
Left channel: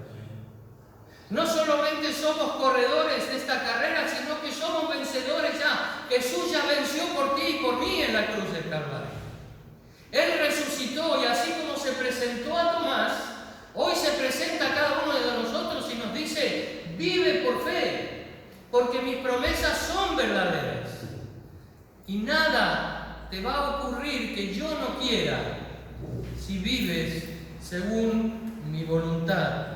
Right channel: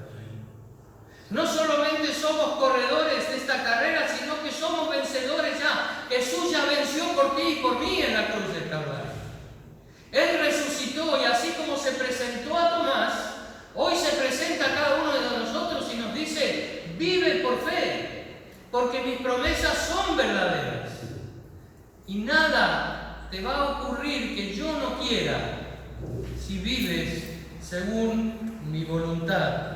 No solamente somos corredores de esta carrera, sino que somos vencedores ya. Jesús ya venció por ti y por mí en la cruz del Calvario. Él resucitó y así como se presentó a Tomás, hoy se presenta a cada uno de nosotros y nos dice, vive por fe, porque mis promesas son verdaderas. Y nada te va a ocurrir que yo no quiera si vives según mi voluntad.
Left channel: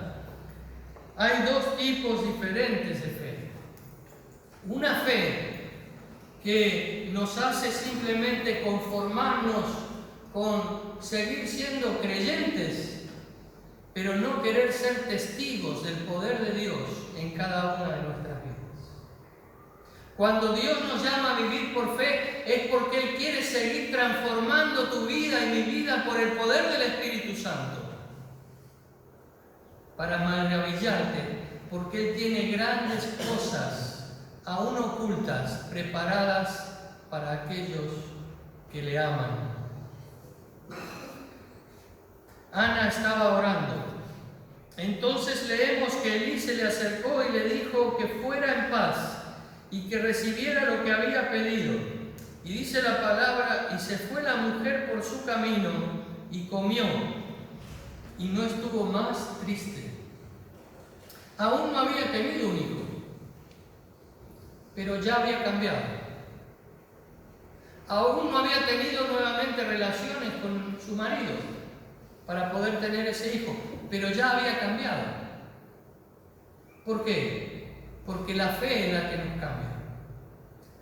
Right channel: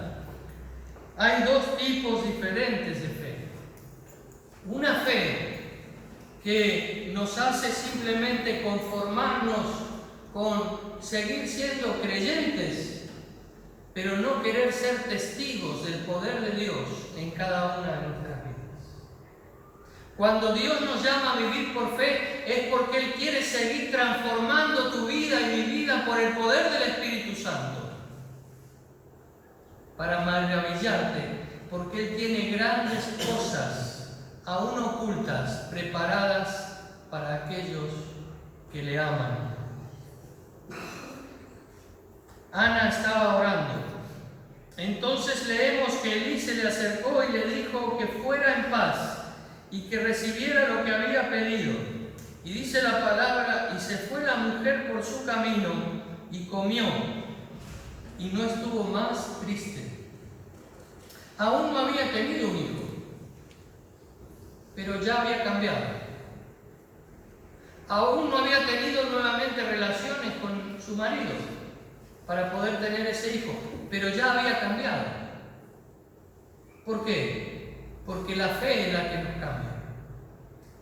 Hay dos tipos diferentes de fe. Una fe que nos hace simplemente conformarnos con seguir siendo creyentes, pero no querer ser testigos del poder de Dios en cada una de nuestras vidas. Cuando Dios nos llama a vivir por fe, es porque Él quiere seguir transformando tu vida y mi vida por el poder del Espíritu Santo. Para maravillarte, porque Él tiene grandes cosas aún ocultas, preparadas para aquellos que le aman. Ana estaba orando. Entonces leemos que Elí se le acercó y le dijo que fuera en paz y que recibiera lo que había pedido. Y dice la palabra, y se fue la mujer por su camino y comió, y no estuvo más triste. Aún no había tenido un hijo, pero ya había cambiado. Aún no había tenido nuevamente relaciones con su marido para poder tener ese hijo, pero ya había cambiado. ¿Por qué? Porque la fe es la que nos cambia.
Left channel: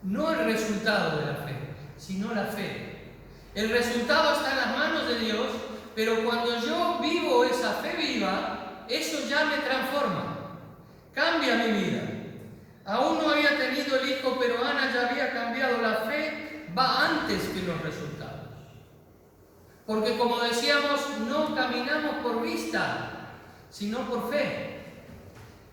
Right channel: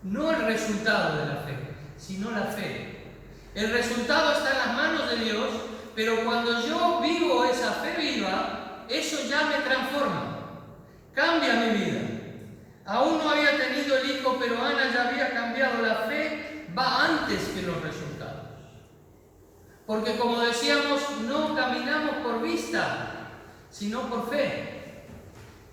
No el resultado de la fe, sino la fe. El resultado está en las manos de Dios, pero cuando yo vivo esa fe viva, eso ya me transforma. Cambia mi vida. Aún no había tenido el hijo, pero Ana ya había cambiado. La fe va antes que los resultados. Porque como decíamos, no caminamos por vista, sino por fe.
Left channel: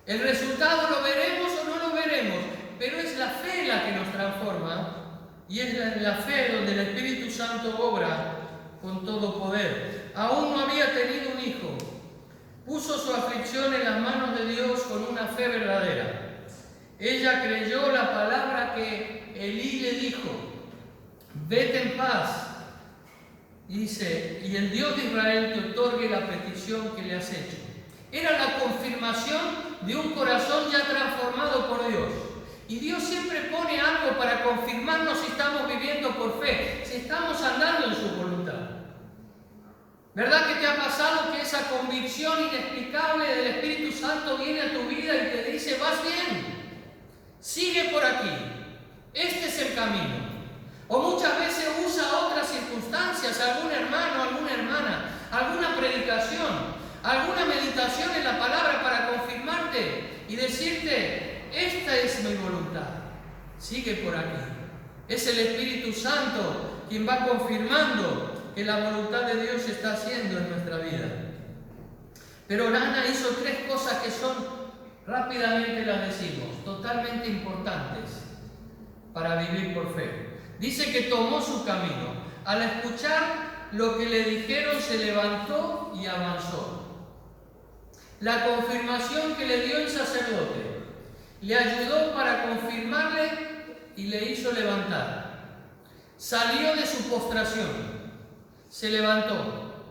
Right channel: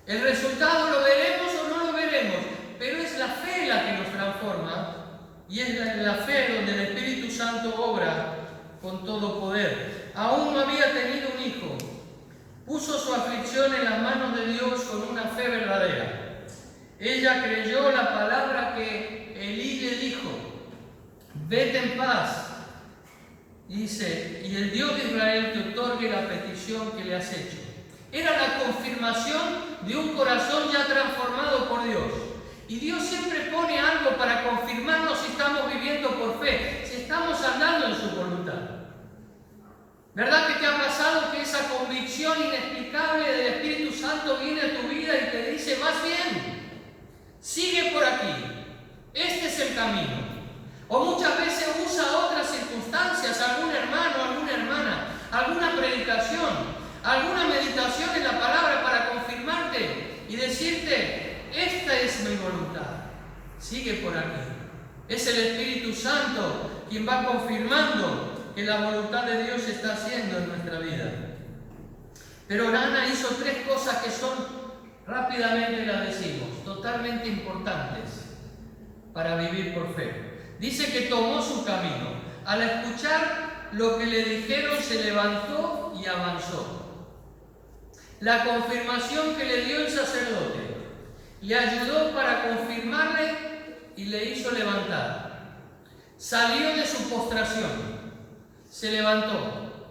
El resultado lo veremos o no lo veremos, pero es la fe la que nos transforma y es la fe donde el Espíritu Santo obra con todo poder. Aún no había tenido un hijo. Puso su aflicción en las manos de Dios con una fe verdadera. Ella creyó la palabra que Elí le dijo: vete en paz. Dice, y el Dios de Israel te otorgue la petición que le has hecho. Era la confirmación de un corazón ya transformado por Dios. Y Dios siempre pone algo para confirmarnos si estamos viviendo por fe, si estamos andando en su voluntad. ¿Verdad que te ha pasado que esa convicción inexplicable del Espíritu Santo viene a tu vida y te dice, vas bien, sigue por aquí, este es el camino? O muchas veces usa otras circunstancias, algún hermano, alguna hermana, alguna predicación, alguna meditación en la palabra para confirmarte y decirte, esta es mi voluntad, sigue por aquí. Es el Espíritu Santo quien va confirmando que la voluntad de Dios se está haciendo en nuestra vida. Pero Ana hizo tres cosas que son, rápidamente las decimos, totalmente importantes para vivir por fe. Dice que tomó su camino. Al escuchar lo que le dijeron, se levantó y avanzó. La confirmación que le dio el sacerdote le ayudó para confirmarle y le hizo levantar. Salió de su postración, se levantó.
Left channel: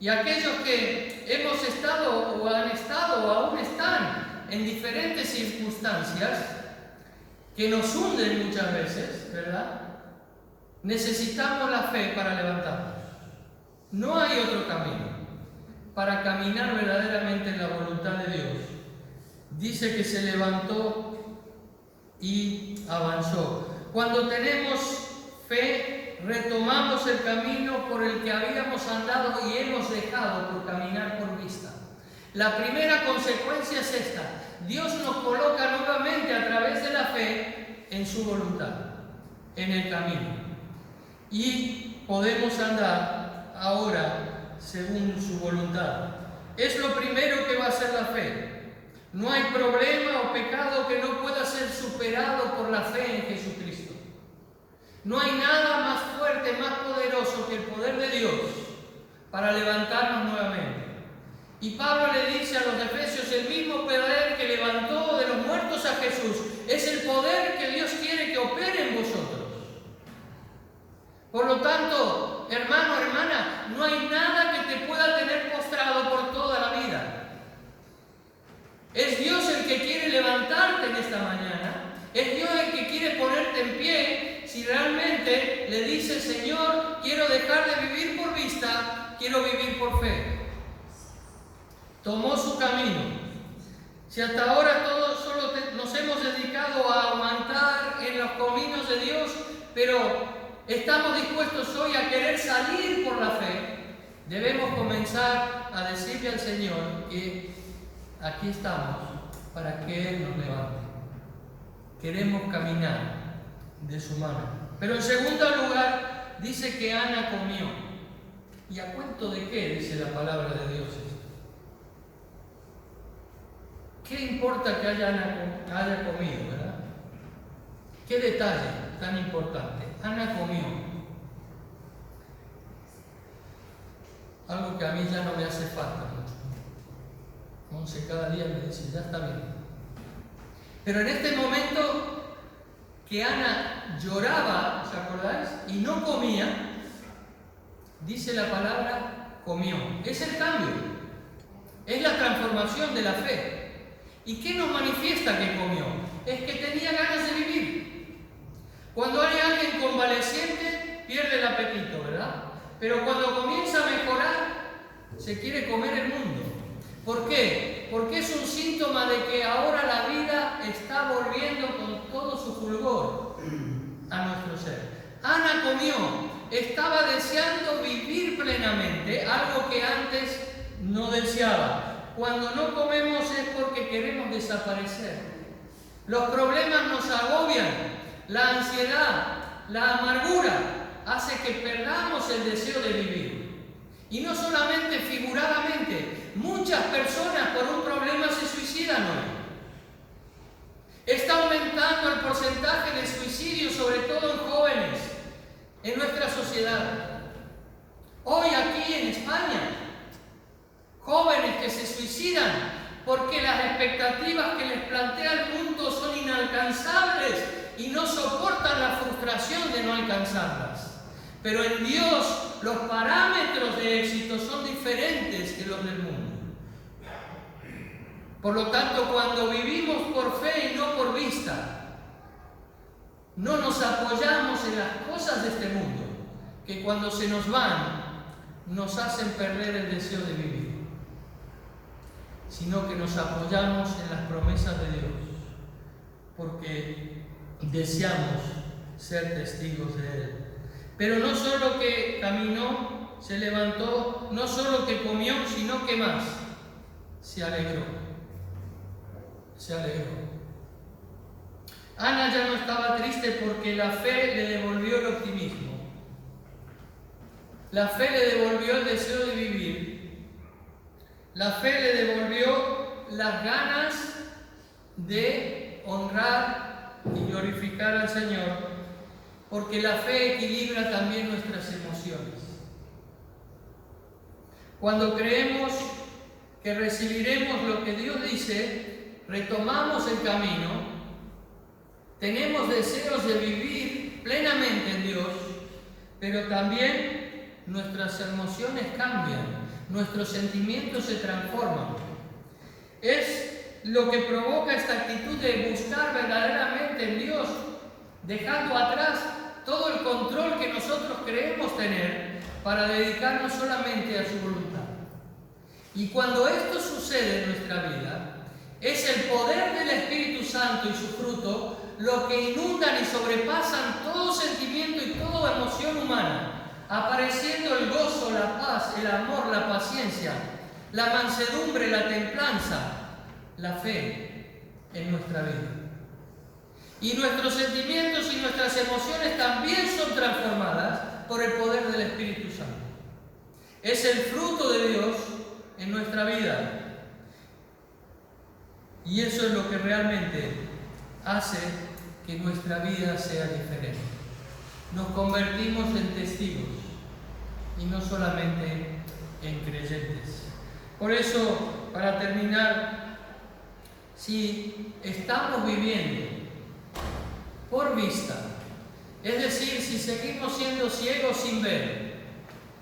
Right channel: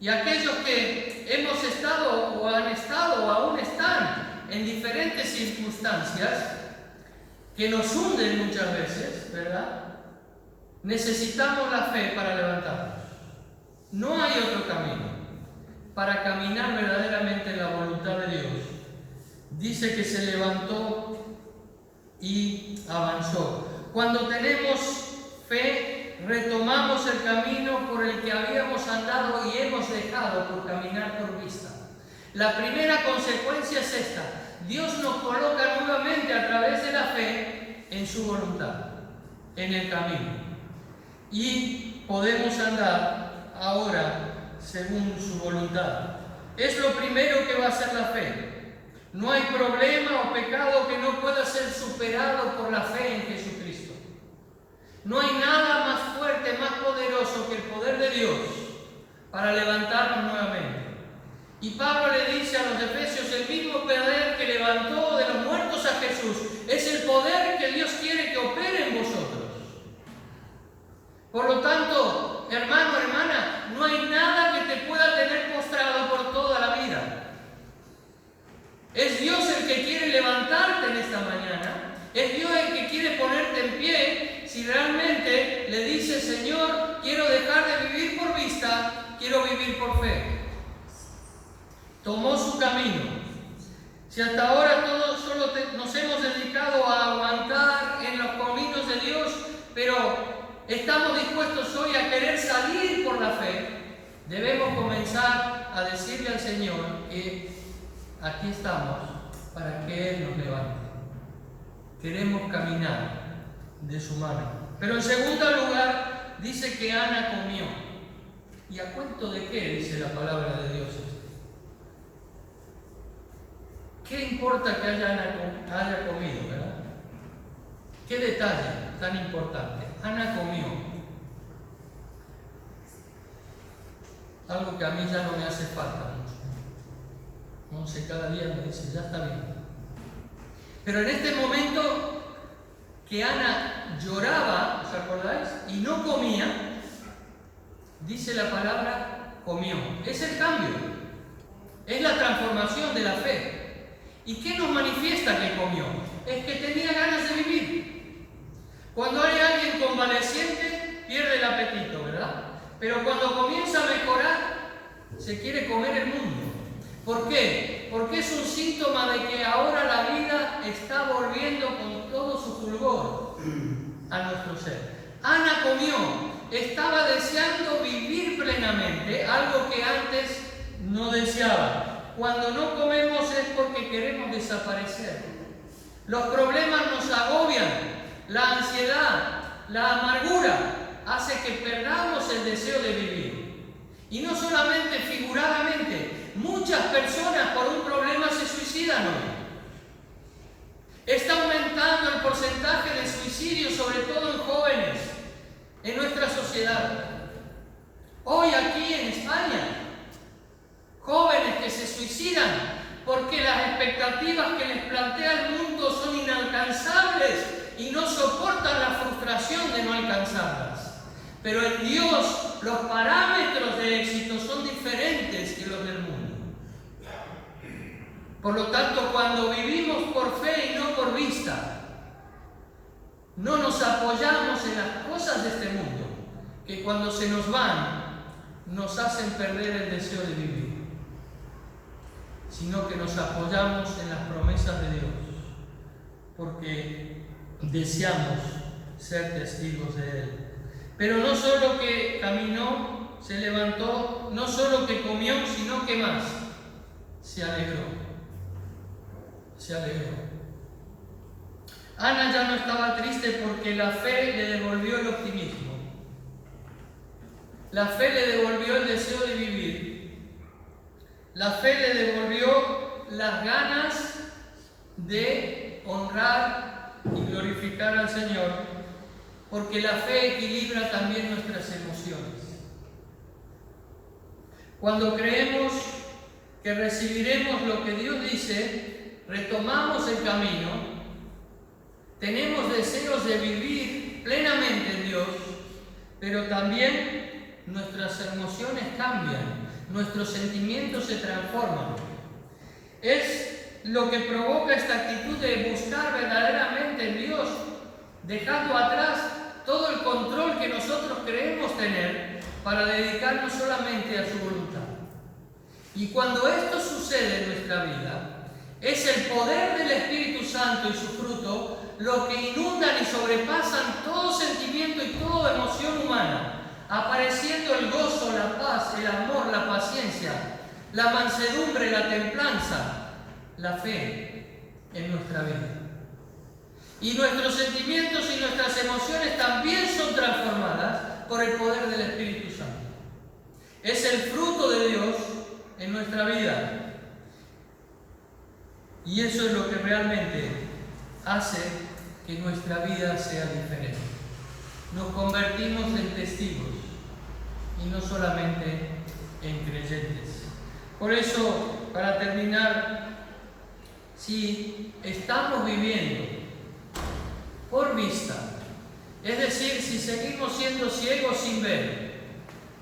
Y aquellos que hemos estado o han estado o aún están en diferentes circunstancias que nos hunden muchas veces, ¿verdad? Necesitamos la fe para levantarnos. No hay otro camino para caminar verdaderamente en la voluntad de Dios. Dice que se levantó y avanzó. Cuando tenemos fe, retomamos el camino por el que habíamos andado y hemos dejado por caminar por vista. La primera consecuencia es esta: Dios nos coloca nuevamente a través de la fe en su voluntad, en el camino. Y podemos andar ahora según su voluntad. Es lo primero que va a hacer la fe. No hay problema o pecado que no pueda ser superado por la fe en Jesucristo. No hay nada más fuerte, más poderoso que el poder de Dios para levantarnos nuevamente. Y Pablo le dice a los efesios, el mismo poder que levantó de los muertos a Jesús es el poder que Dios quiere que opere en vosotros. Por lo tanto, hermano, hermana, no hay nada que te pueda tener postrado por toda la vida. Es Dios el que quiere levantarte en esta mañana. Es Dios el que quiere ponerte en pie si realmente le dices, Señor, quiero dejar de vivir por vista, quiero vivir por fe. Tomó su camino. Si hasta ahora todos solo nos hemos dedicado a aguantar en los caminos de Dios, pero estamos dispuestos hoy a querer salir por la fe, debemos comenzar a decirle al Señor que aquí estamos para que Él nos levante. Queremos caminar de su mano. Pero en segundo lugar, dice que Ana comió. ¿Y a cuento de qué dice la palabra de Dios? ¿Qué importa que haya comido, verdad? ¿Qué detalle tan importante? Ana comió. Algo que a mí ya no me hace falta mucho. No sé, cada día me dice, ya está bien. Pero en este momento que Ana lloraba, ¿os acordáis? Y no comía, dice la palabra, comió. Es el cambio. Es la transformación de la fe. ¿Y qué nos manifiesta que comió? Es que tenía ganas de vivir. Cuando hay alguien convaleciente, pierde el apetito, ¿verdad? Pero cuando comienza a mejorar, se quiere comer el mundo. ¿Por qué? Porque es un síntoma de que ahora la vida está volviendo con todo su fulgor a nuestro ser. Ana comió, estaba deseando vivir plenamente, algo que antes no deseaba. Cuando no comemos es porque queremos desaparecer. Los problemas nos agobian, la ansiedad, la amargura hace que perdamos el deseo de vivir. Y no solamente figuradamente, muchas personas por un problema se suicidan hoy. Está aumentando el porcentaje de suicidios, sobre todo en jóvenes, en nuestra sociedad. Hoy aquí en España, jóvenes que se suicidan porque las expectativas que les plantea el mundo son inalcanzables y no soportan la frustración de no alcanzarlas. Pero en Dios los parámetros de éxito son diferentes que los del mundo. Por lo tanto, cuando vivimos por fe y no por vista, no nos apoyamos en las cosas de este mundo, que cuando se nos van, nos hacen perder el deseo de vivir, sino que nos apoyamos en las promesas de Dios, porque deseamos ser testigos de Él. Pero no solo que caminó, se levantó, no solo que comió, sino que más, se alegró. Se alegró. Ana ya no estaba triste porque la fe le devolvió el optimismo. La fe le devolvió el deseo de vivir. La fe le devolvió las ganas de honrar y glorificar al Señor, porque la fe equilibra también nuestras emociones. Cuando creemos que recibiremos lo que Dios dice, retomamos el camino, tenemos deseos de vivir plenamente en Dios, pero también nuestras emociones cambian, nuestros sentimientos se transforman. Es lo que provoca esta actitud de buscar verdaderamente en Dios, dejando atrás todo el control que nosotros creemos tener para dedicarnos solamente a su voluntad. Y cuando esto sucede en nuestra vida, es el poder del Espíritu Santo y su fruto lo que inundan y sobrepasan todo sentimiento y toda emoción humana, apareciendo el gozo, la paz, el amor, la paciencia, la mansedumbre, la templanza, la fe en nuestra vida. Y nuestros sentimientos y nuestras emociones también son transformadas por el poder del Espíritu Santo. Es el fruto de Dios en nuestra vida. Y eso es lo que realmente hace que nuestra vida sea diferente. Nos convertimos en testigos y no solamente en creyentes. Por eso, para terminar, si estamos viviendo por vista, es decir, si seguimos siendo ciegos sin ver,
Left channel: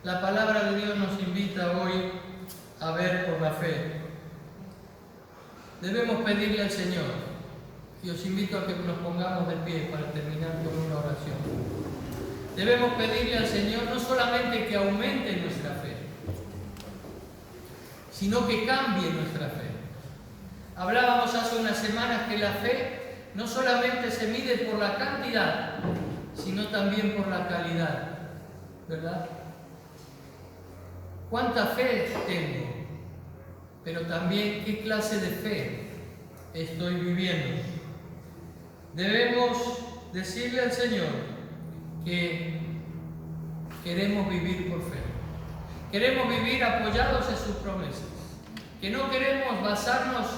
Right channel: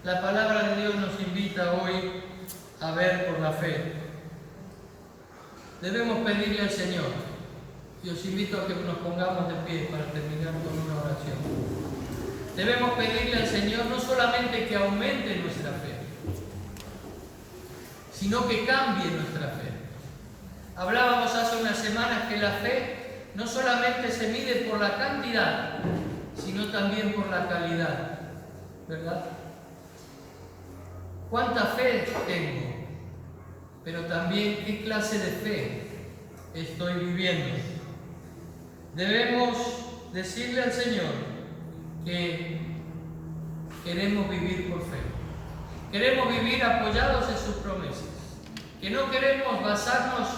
la palabra de Dios nos invita hoy a ver por la fe. Debemos pedirle al Señor, y os invito a que nos pongamos de pie para terminar con una oración. Debemos pedirle al Señor no solamente que aumente nuestra fe, sino que cambie nuestra fe. Hablábamos hace unas semanas que la fe no solamente se mide por la cantidad, sino también por la calidad, ¿verdad? ¿Cuánta fe tengo? Pero también qué clase de fe estoy viviendo. Debemos decirle al Señor que queremos vivir por fe. Queremos vivir apoyados en sus promesas. Que no queremos basarnos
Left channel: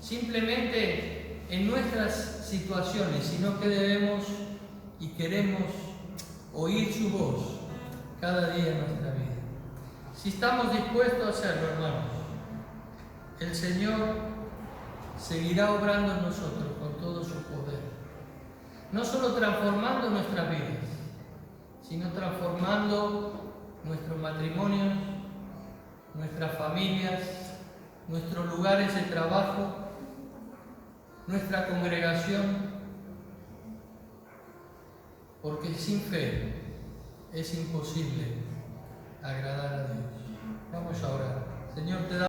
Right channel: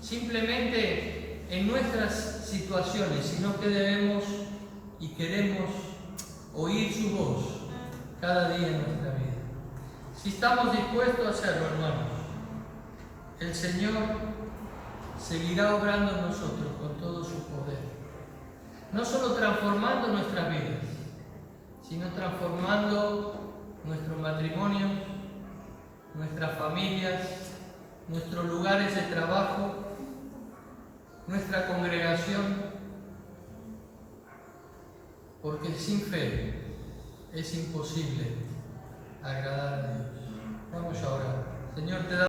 simplemente en nuestras situaciones, sino que debemos y queremos oír su voz cada día en nuestra vida. Si estamos dispuestos a hacerlo, hermanos, el Señor seguirá obrando en nosotros con todo su poder. No solo transformando nuestras vidas, sino transformando nuestros matrimonios, nuestras familias, nuestros lugares de trabajo, nuestra congregación, porque sin fe es imposible agradar a Dios. Vamos a orar. Señor, te damos